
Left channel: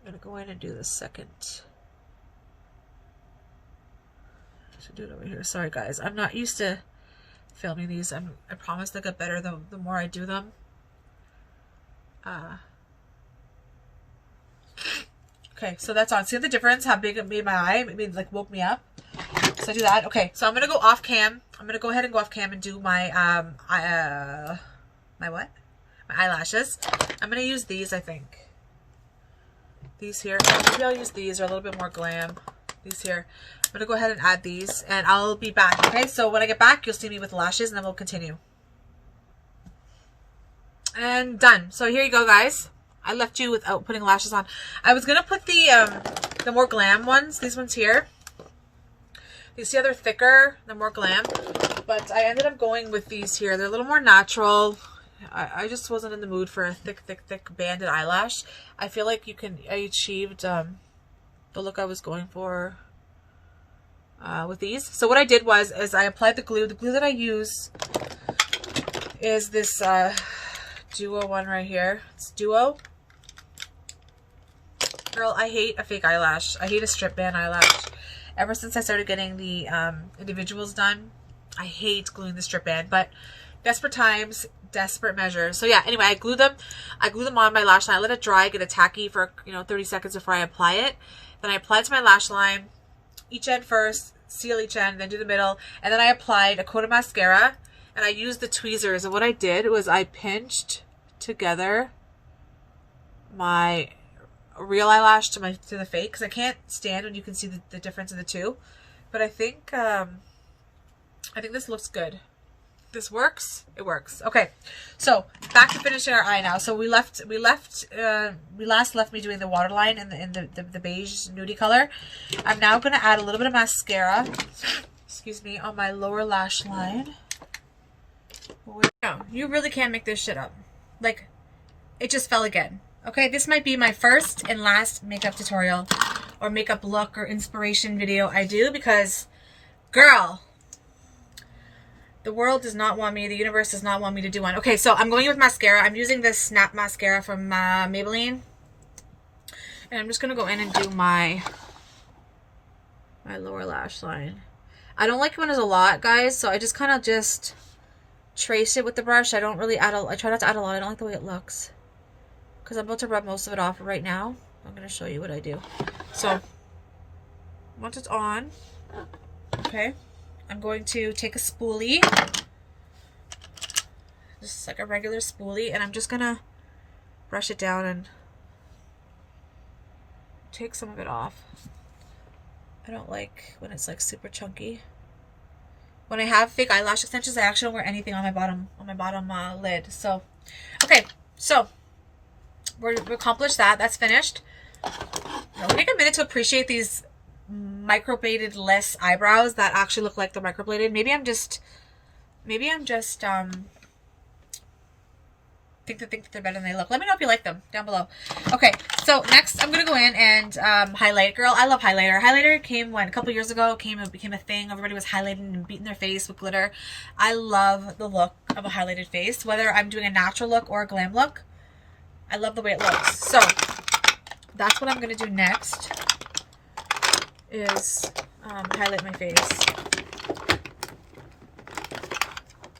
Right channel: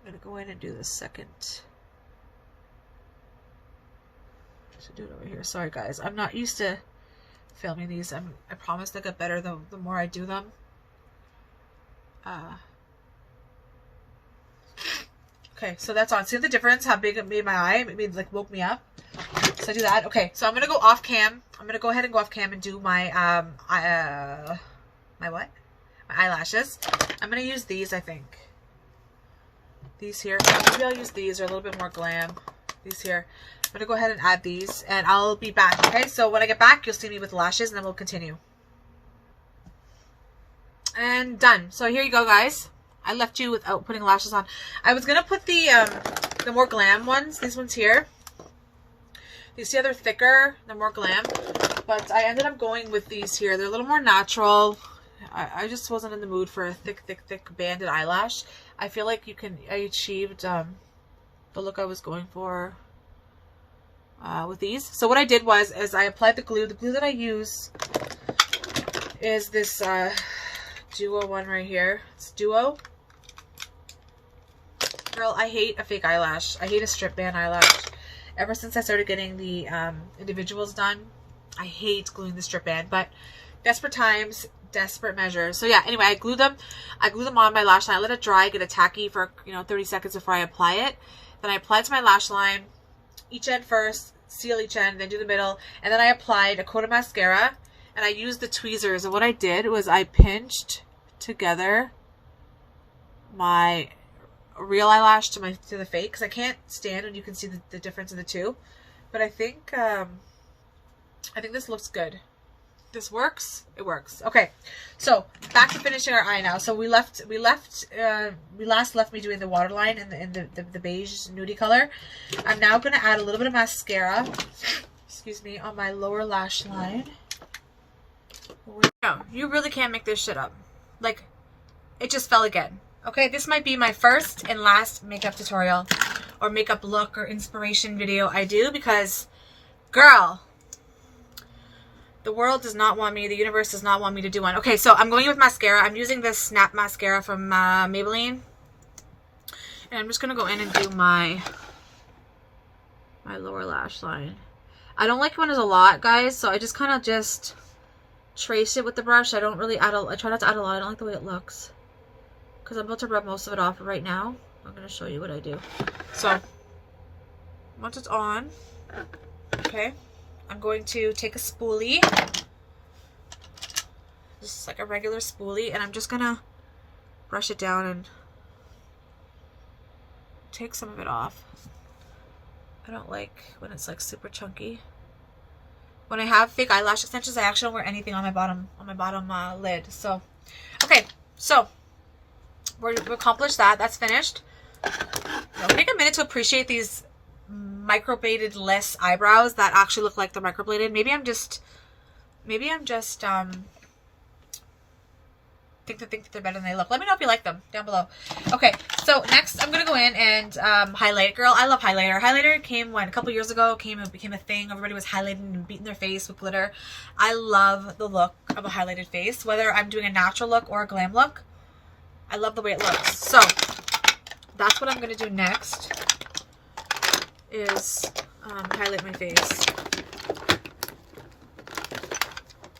I'm gonna go in and do the second. I should do it over here. Sorry guys, I'm not used to filming these. I promise they'll get better the more I do them. Okay, so that's on. See the difference? How big it made my eye? It made, like, woke me up. So I do that. Okay, so I'm gonna go off cam. I'm gonna go ahead and go off cam and do my my what? My eyelashes. I'm gonna use these, I think. These here. Maybe I'll use these. They're a little bit more glam. These here. I'm gonna go ahead and add these, and I'll be back. Okay, so when I get back, you'll see me with lashes, and then we'll continue. And done. So here you go, guys. I left you without putting lashes on. I was gonna put the more glam ones. These ones here. You see how they're thicker, they're more glam, but I ended up going with these here. They're a little more natural. I just wasn't in the mood for a thick banded eyelash. I feel like I achieved the look I was going for with these. So what I did was I applied the glue. The glue that I use is this Duo one right here. It's Duo. Girl, I hate a fake eyelash. I hate a strip band eyelash. Ever since I started getting the individuals done, I hate gluing the strip band, but desperate times, desperate measures. So yeah, anyway, I glue them on my lash line. I let it dry, get it tacky for 30 seconds before I apply it. Then I apply it to my lash line, each end first, seal each end, then do the middle, and then I applied a coat of mascara, and I used the tweezers. And what I did was I pinched together my real eyelash to the fake, because I can't stand when you can see the difference in the two. But I think this looks good. This works. It works. Okay, so back to finishing our eye now. So we last left me doing the waterline in the beige nudie color. I'm now going to add a little bit of mascara, excuse me, on my lower lash line. No, you really can't make this shit up. Like, it just fell again. Okay, this might be my first and last makeup tutorial or makeup look or inspiration video I do, because, girl, the world does not want me, the universe does not want me to do one. Okay, so I'm going in with mascara. I'm using this Snap mascara from Maybelline. And I'm just going to go in and do my lower lash line. I don't like when there's a lot, guys, so I just kind of just trace it with the brush. I don't really add I try not to add a lot. I don't like the way it looks, because I'm about to rub most of it off right now. I'm going to show you what I do. So, once it's on, okay, I'm going to take a spoolie, just like a regular spoolie, and I'm just going to brush it down and take some of it off. I don't like when it's like super chunky. When I have fake eyelash extensions, I actually don't wear anything on my bottom lid. So, okay, so we've accomplished that. That's finished. Now, take a minute to appreciate these microbladed less eyebrows that actually look like they're microbladed. Maybe I'm just think that they're better than they look. Let me know if you like them down below. Okay, so next I'm gonna go in and highlight. Girl, I love highlighter. Highlighter came a couple years ago. It became a thing. Everybody was highlighting and beating their face with glitter. I love the look of a highlighted face, whether I'm doing a natural look or a glam look. I love the way it looks. So that's what I'm gonna do next, is highlight my face.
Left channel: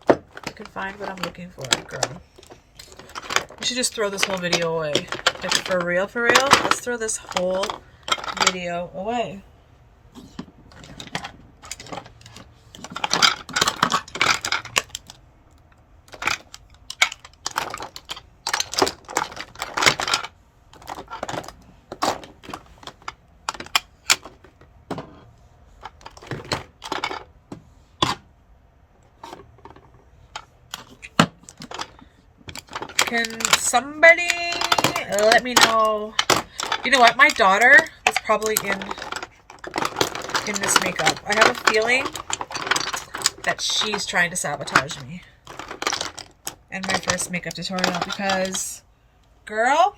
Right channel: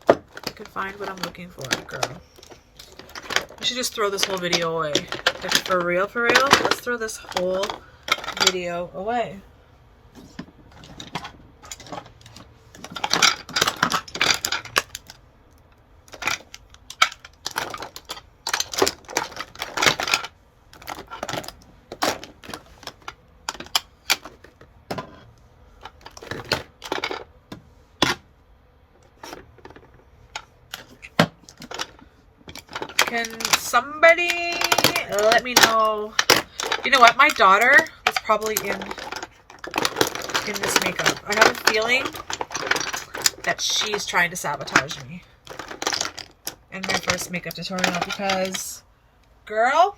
I can find what I'm looking for, girl. I should just throw this whole video away. Like, for real, let's throw this whole video away. Can somebody let me know? You know what? My daughter was probably in this makeup. I have a feeling that she's trying to sabotage me and my first makeup tutorial because, girl,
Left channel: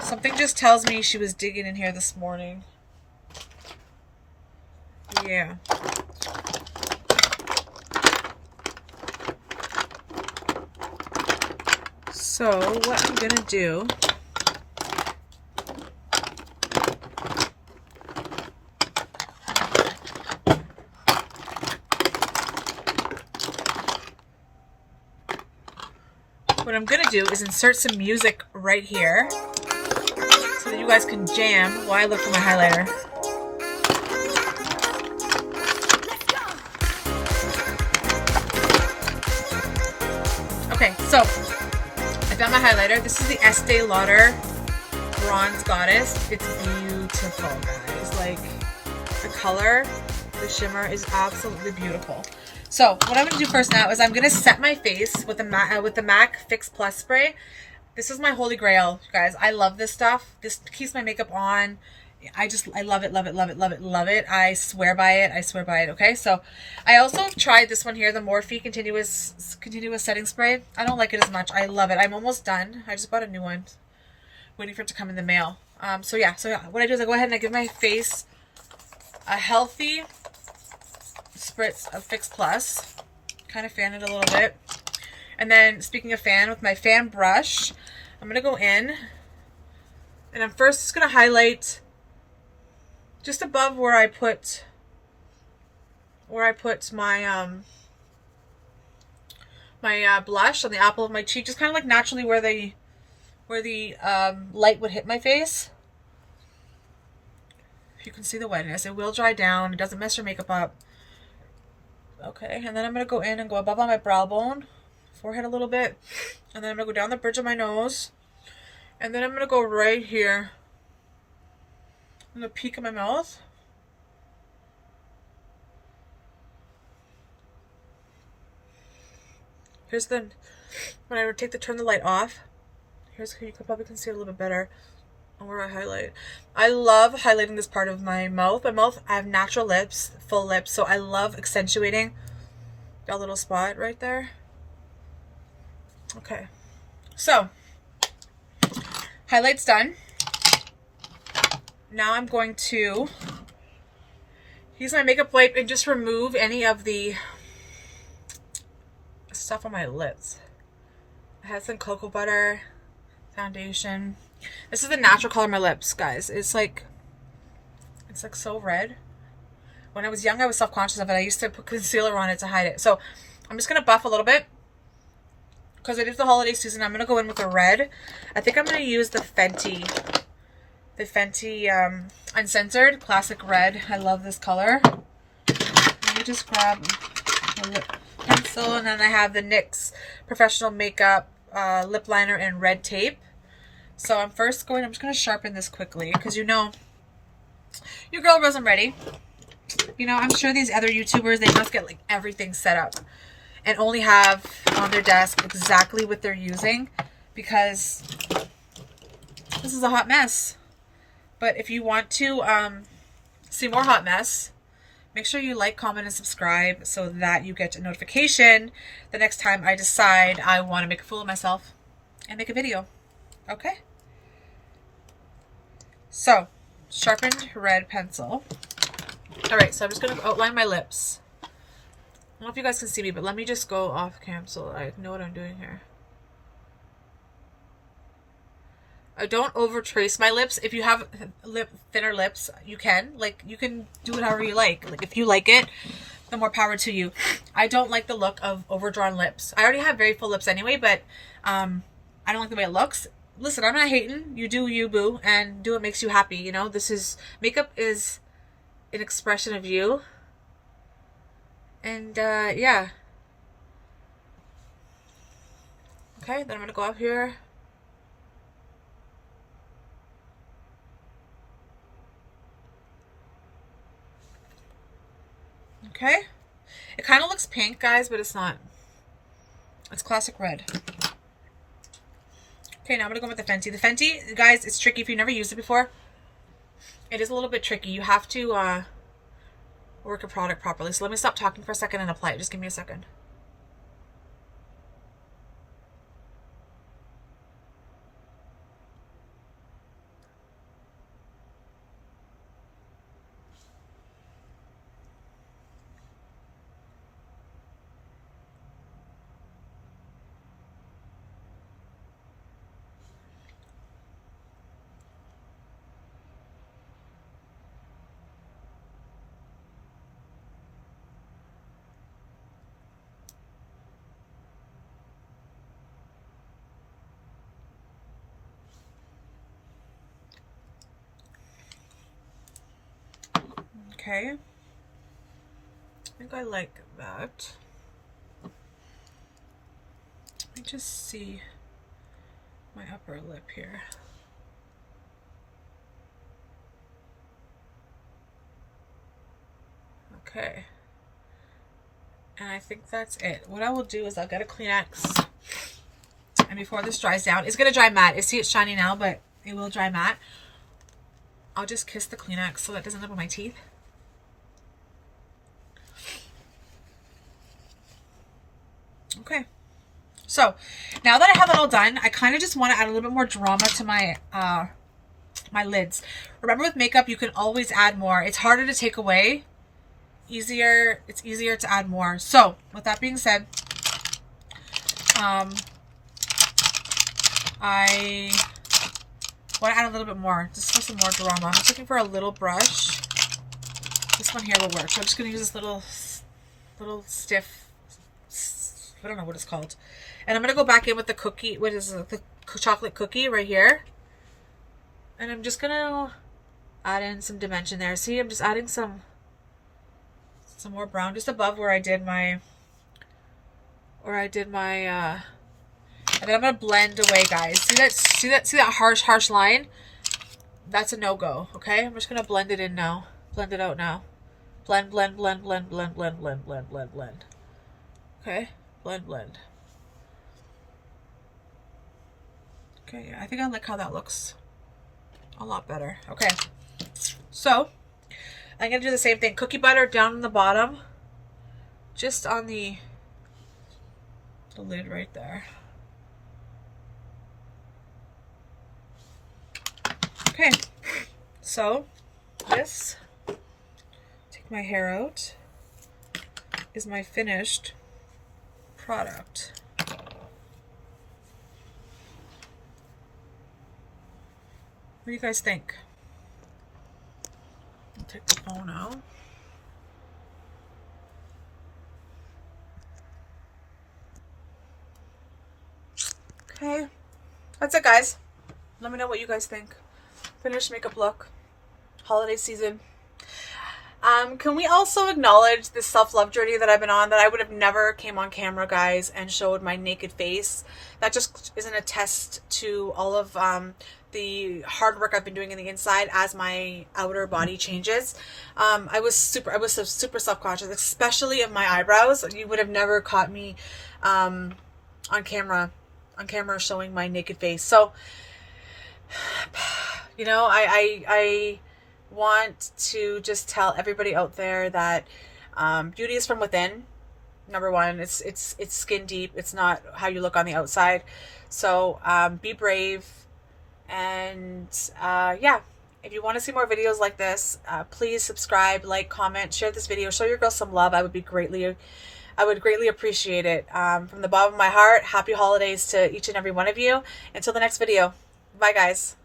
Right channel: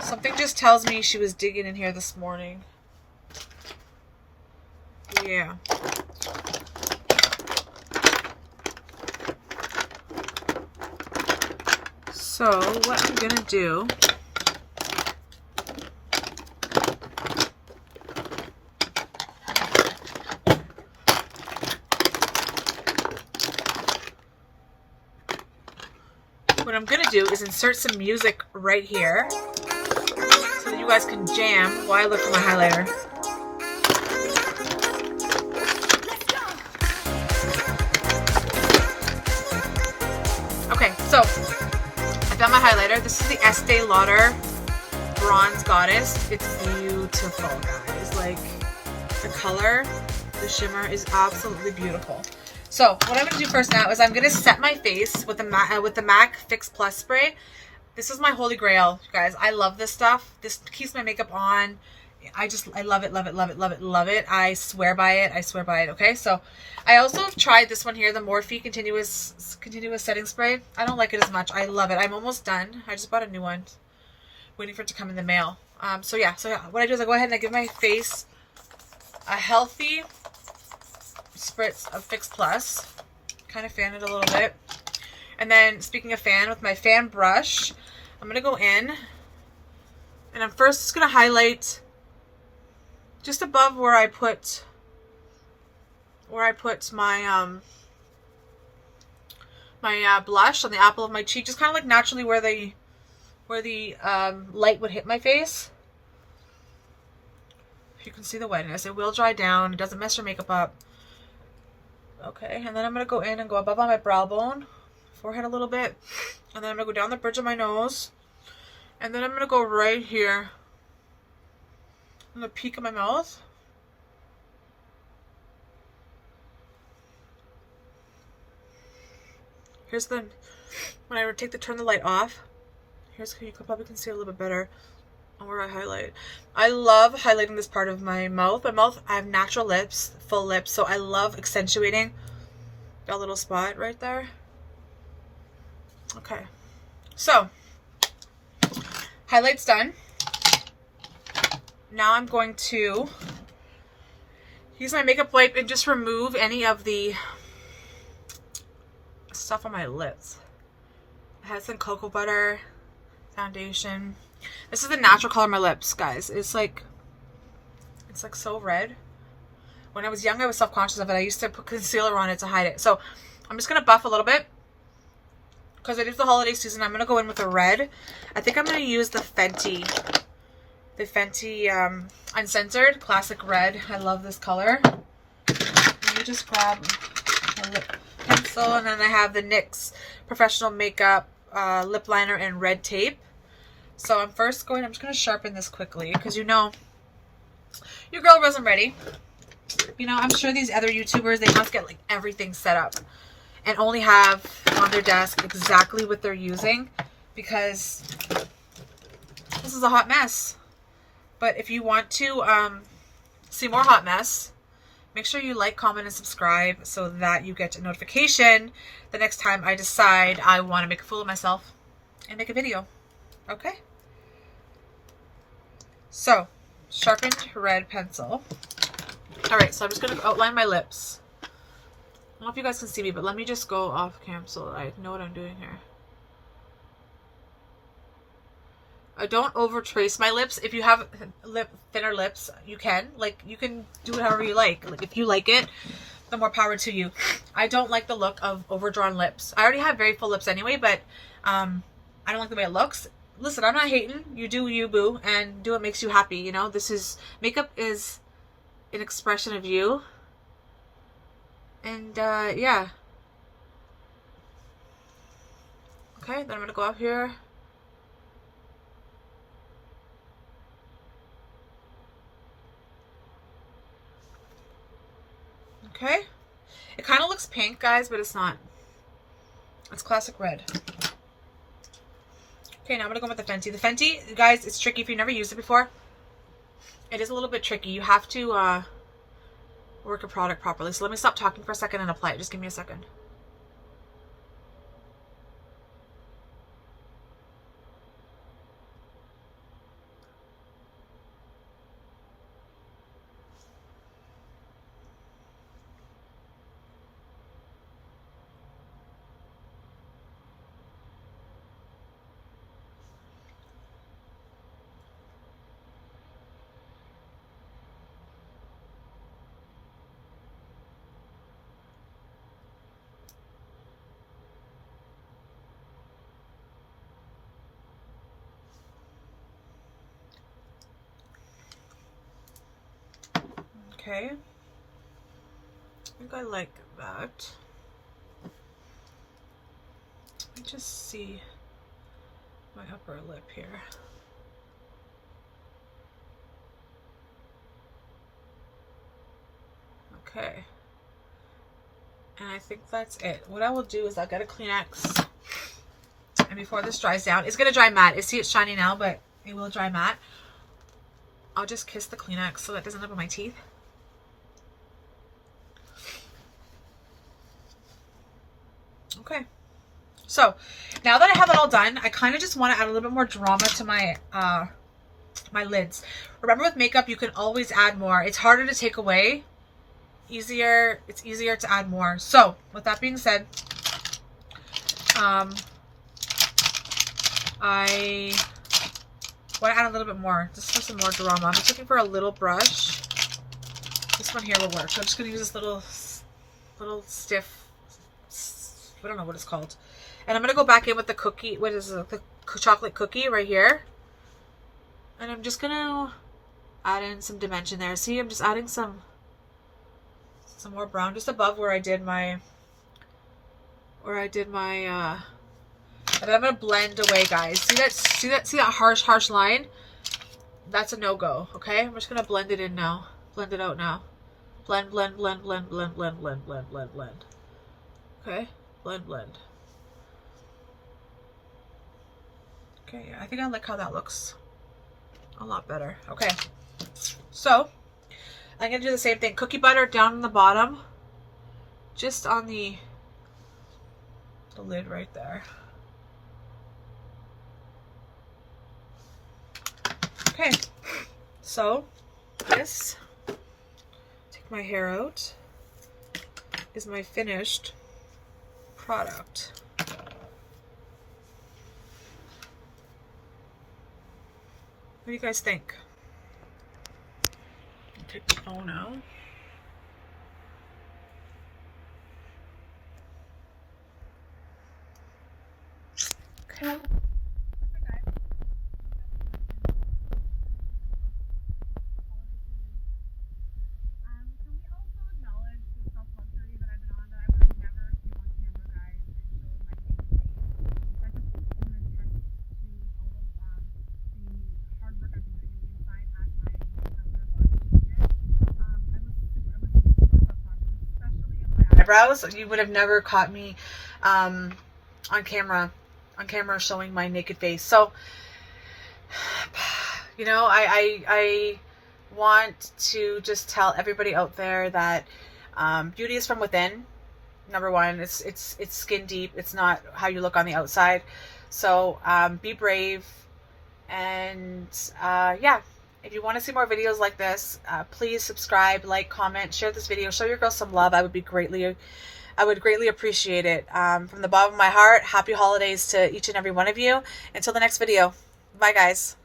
something just tells me she was digging in here this morning. Yeah. So what I'm gonna do is insert some music right here so that you guys can jam while I look for my highlighter. Okay, so I've done my highlighter. This is the Estee Lauder Bronze Goddess. It's beautiful, guys. Like, the color, the shimmer is absolutely beautiful. So what I'm going to do first now is I'm going to set my face with the MAC Fix Plus spray. This is my holy grail, guys. I love this stuff. This keeps my makeup on. I love it, love it, love it, love it, love it. I swear by it. I swear by it. Okay, so I also tried this one here, the Morphe Continuous Setting Spray. I don't like it as much. I love it. I'm almost done. I just bought a new one, waiting for it to come in the mail. So yeah, what I do is I go ahead and I give my face a healthy spritz of Fix Plus, kind of fan it a little bit, and then speaking of fan, with my fan brush, I'm gonna go in and I'm first just gonna highlight just above where I put my my blush on the apple of my cheek, just kind of like naturally where the light would hit my face. You can see the wetness. It will dry down. It doesn't mess your makeup up. Okay, and then I'm going to go in and go above on my brow bone, forehead a little bit, and then I'm going to go down the bridge of my nose, and then I'm going to go right here in the peak of my mouth. Here's when I turn the light off, here's you probably can see a little bit better on where I highlight. I love highlighting this part of my mouth. I have natural lips, full lips, so I love accentuating that little spot right there. Okay, so highlight's done. Now I'm going to use my makeup wipe and just remove any of the stuff on my lips. I had some cocoa butter foundation. This is the natural color of my lips, guys. It's like so red. When I was young, I was self-conscious of it. I used to put concealer on it to hide it. So I'm just going to buff a little bit because it is the holiday season. I'm going to go in with a red. I think I'm going to use the Fenty Uncensored Classic Red. I love this color. Let me just grab a lip pencil, and then I have the NYX Professional Makeup lip liner in red tape. So I'm just going to sharpen this quickly because, you know, your girl wasn't ready. You know, I'm sure these other YouTubers, they must get like everything set up and only have on their desk exactly what they're using, because this is a hot mess. But if you want to see more hot mess, make sure you like, comment, and subscribe so that you get a notification the next time I decide I want to make a fool of myself and make a video. Okay? So, sharpened red pencil. Alright, so I'm just going to outline my lips. I don't know if you guys can see me, but let me just go off cam so I know what I'm doing here. I don't over trace my lips. If you have thinner lips, you can. Like, you can do it however you like. Like, if you like it, the more power to you. I don't like the look of overdrawn lips. I already have very full lips anyway, but I don't like the way it looks. Listen, I'm not hating. You do you, boo, and do what makes you happy, you know? Makeup is an expression of you. And, yeah. Okay, then I'm going to go up here. Okay. It kind of looks pink, guys, but it's not. It's classic red. Okay, now I'm going to go with the Fenty. The Fenty, guys, it's tricky if you've never used it before. It is a little bit tricky. You have to, work a product properly. So let me stop talking for a second and apply it. Just give me a second. Okay. I think I like that. Let me just see my upper lip here. Okay. And I think that's it. What I will do is I'll get a Kleenex, and before this dries down, it's going to dry matte. See, it's shiny now, but it will dry matte. I'll just kiss the Kleenex so that doesn't end up on my teeth. Okay. So now that I have it all done, I kind of just want to add a little bit more drama to my my lids. Remember, with makeup, you can always add more. It's harder to take away. It's easier to add more. So with that being said, I want to add a little bit more, just for some more drama. I'm just looking for a little brush. This one here will work. So I'm just going to use this little stiff, I don't know what it's called. And I'm going to go back in with the cookie, what is it, the chocolate cookie right here. And I'm just going to add in some dimension there. See, I'm just adding some more brown just above where I did my, and then I'm going to blend away, guys. See that harsh line? That's a no-go, okay? I'm just going to blend it in now. Blend it out now. Blend, blend, blend, blend, blend, blend, blend, blend, blend, blend. Okay? Blend, blend. Okay, I think I like how that looks a lot better. Okay. So, I'm going to do the same thing. Cookie butter down on the bottom. Just on the lid right there. Okay. So, this, take my hair out, is my finished product. What do you guys think? I'll take the phone out. Okay. That's it, guys. Let me know what you guys think. Finished makeup look. Holiday season. Can we also acknowledge this self-love journey that I've been on, that I would have never came on camera, guys, and showed my naked face? That just isn't a test to all of the hard work I've been doing in the inside as my outer body changes. I was super self-conscious, especially of my eyebrows. You would have never caught me on camera showing my naked face. So, you know, I want to just tell everybody out there that beauty is from within. Number one, it's skin deep. It's not how you look on the outside. So be brave. And yeah, if you want to see more videos like this, please subscribe, like, comment, share this video, show your girl some love. I would greatly appreciate it. From the bottom of my heart, happy holidays to each and every one of you. Until the next video. Bye, guys.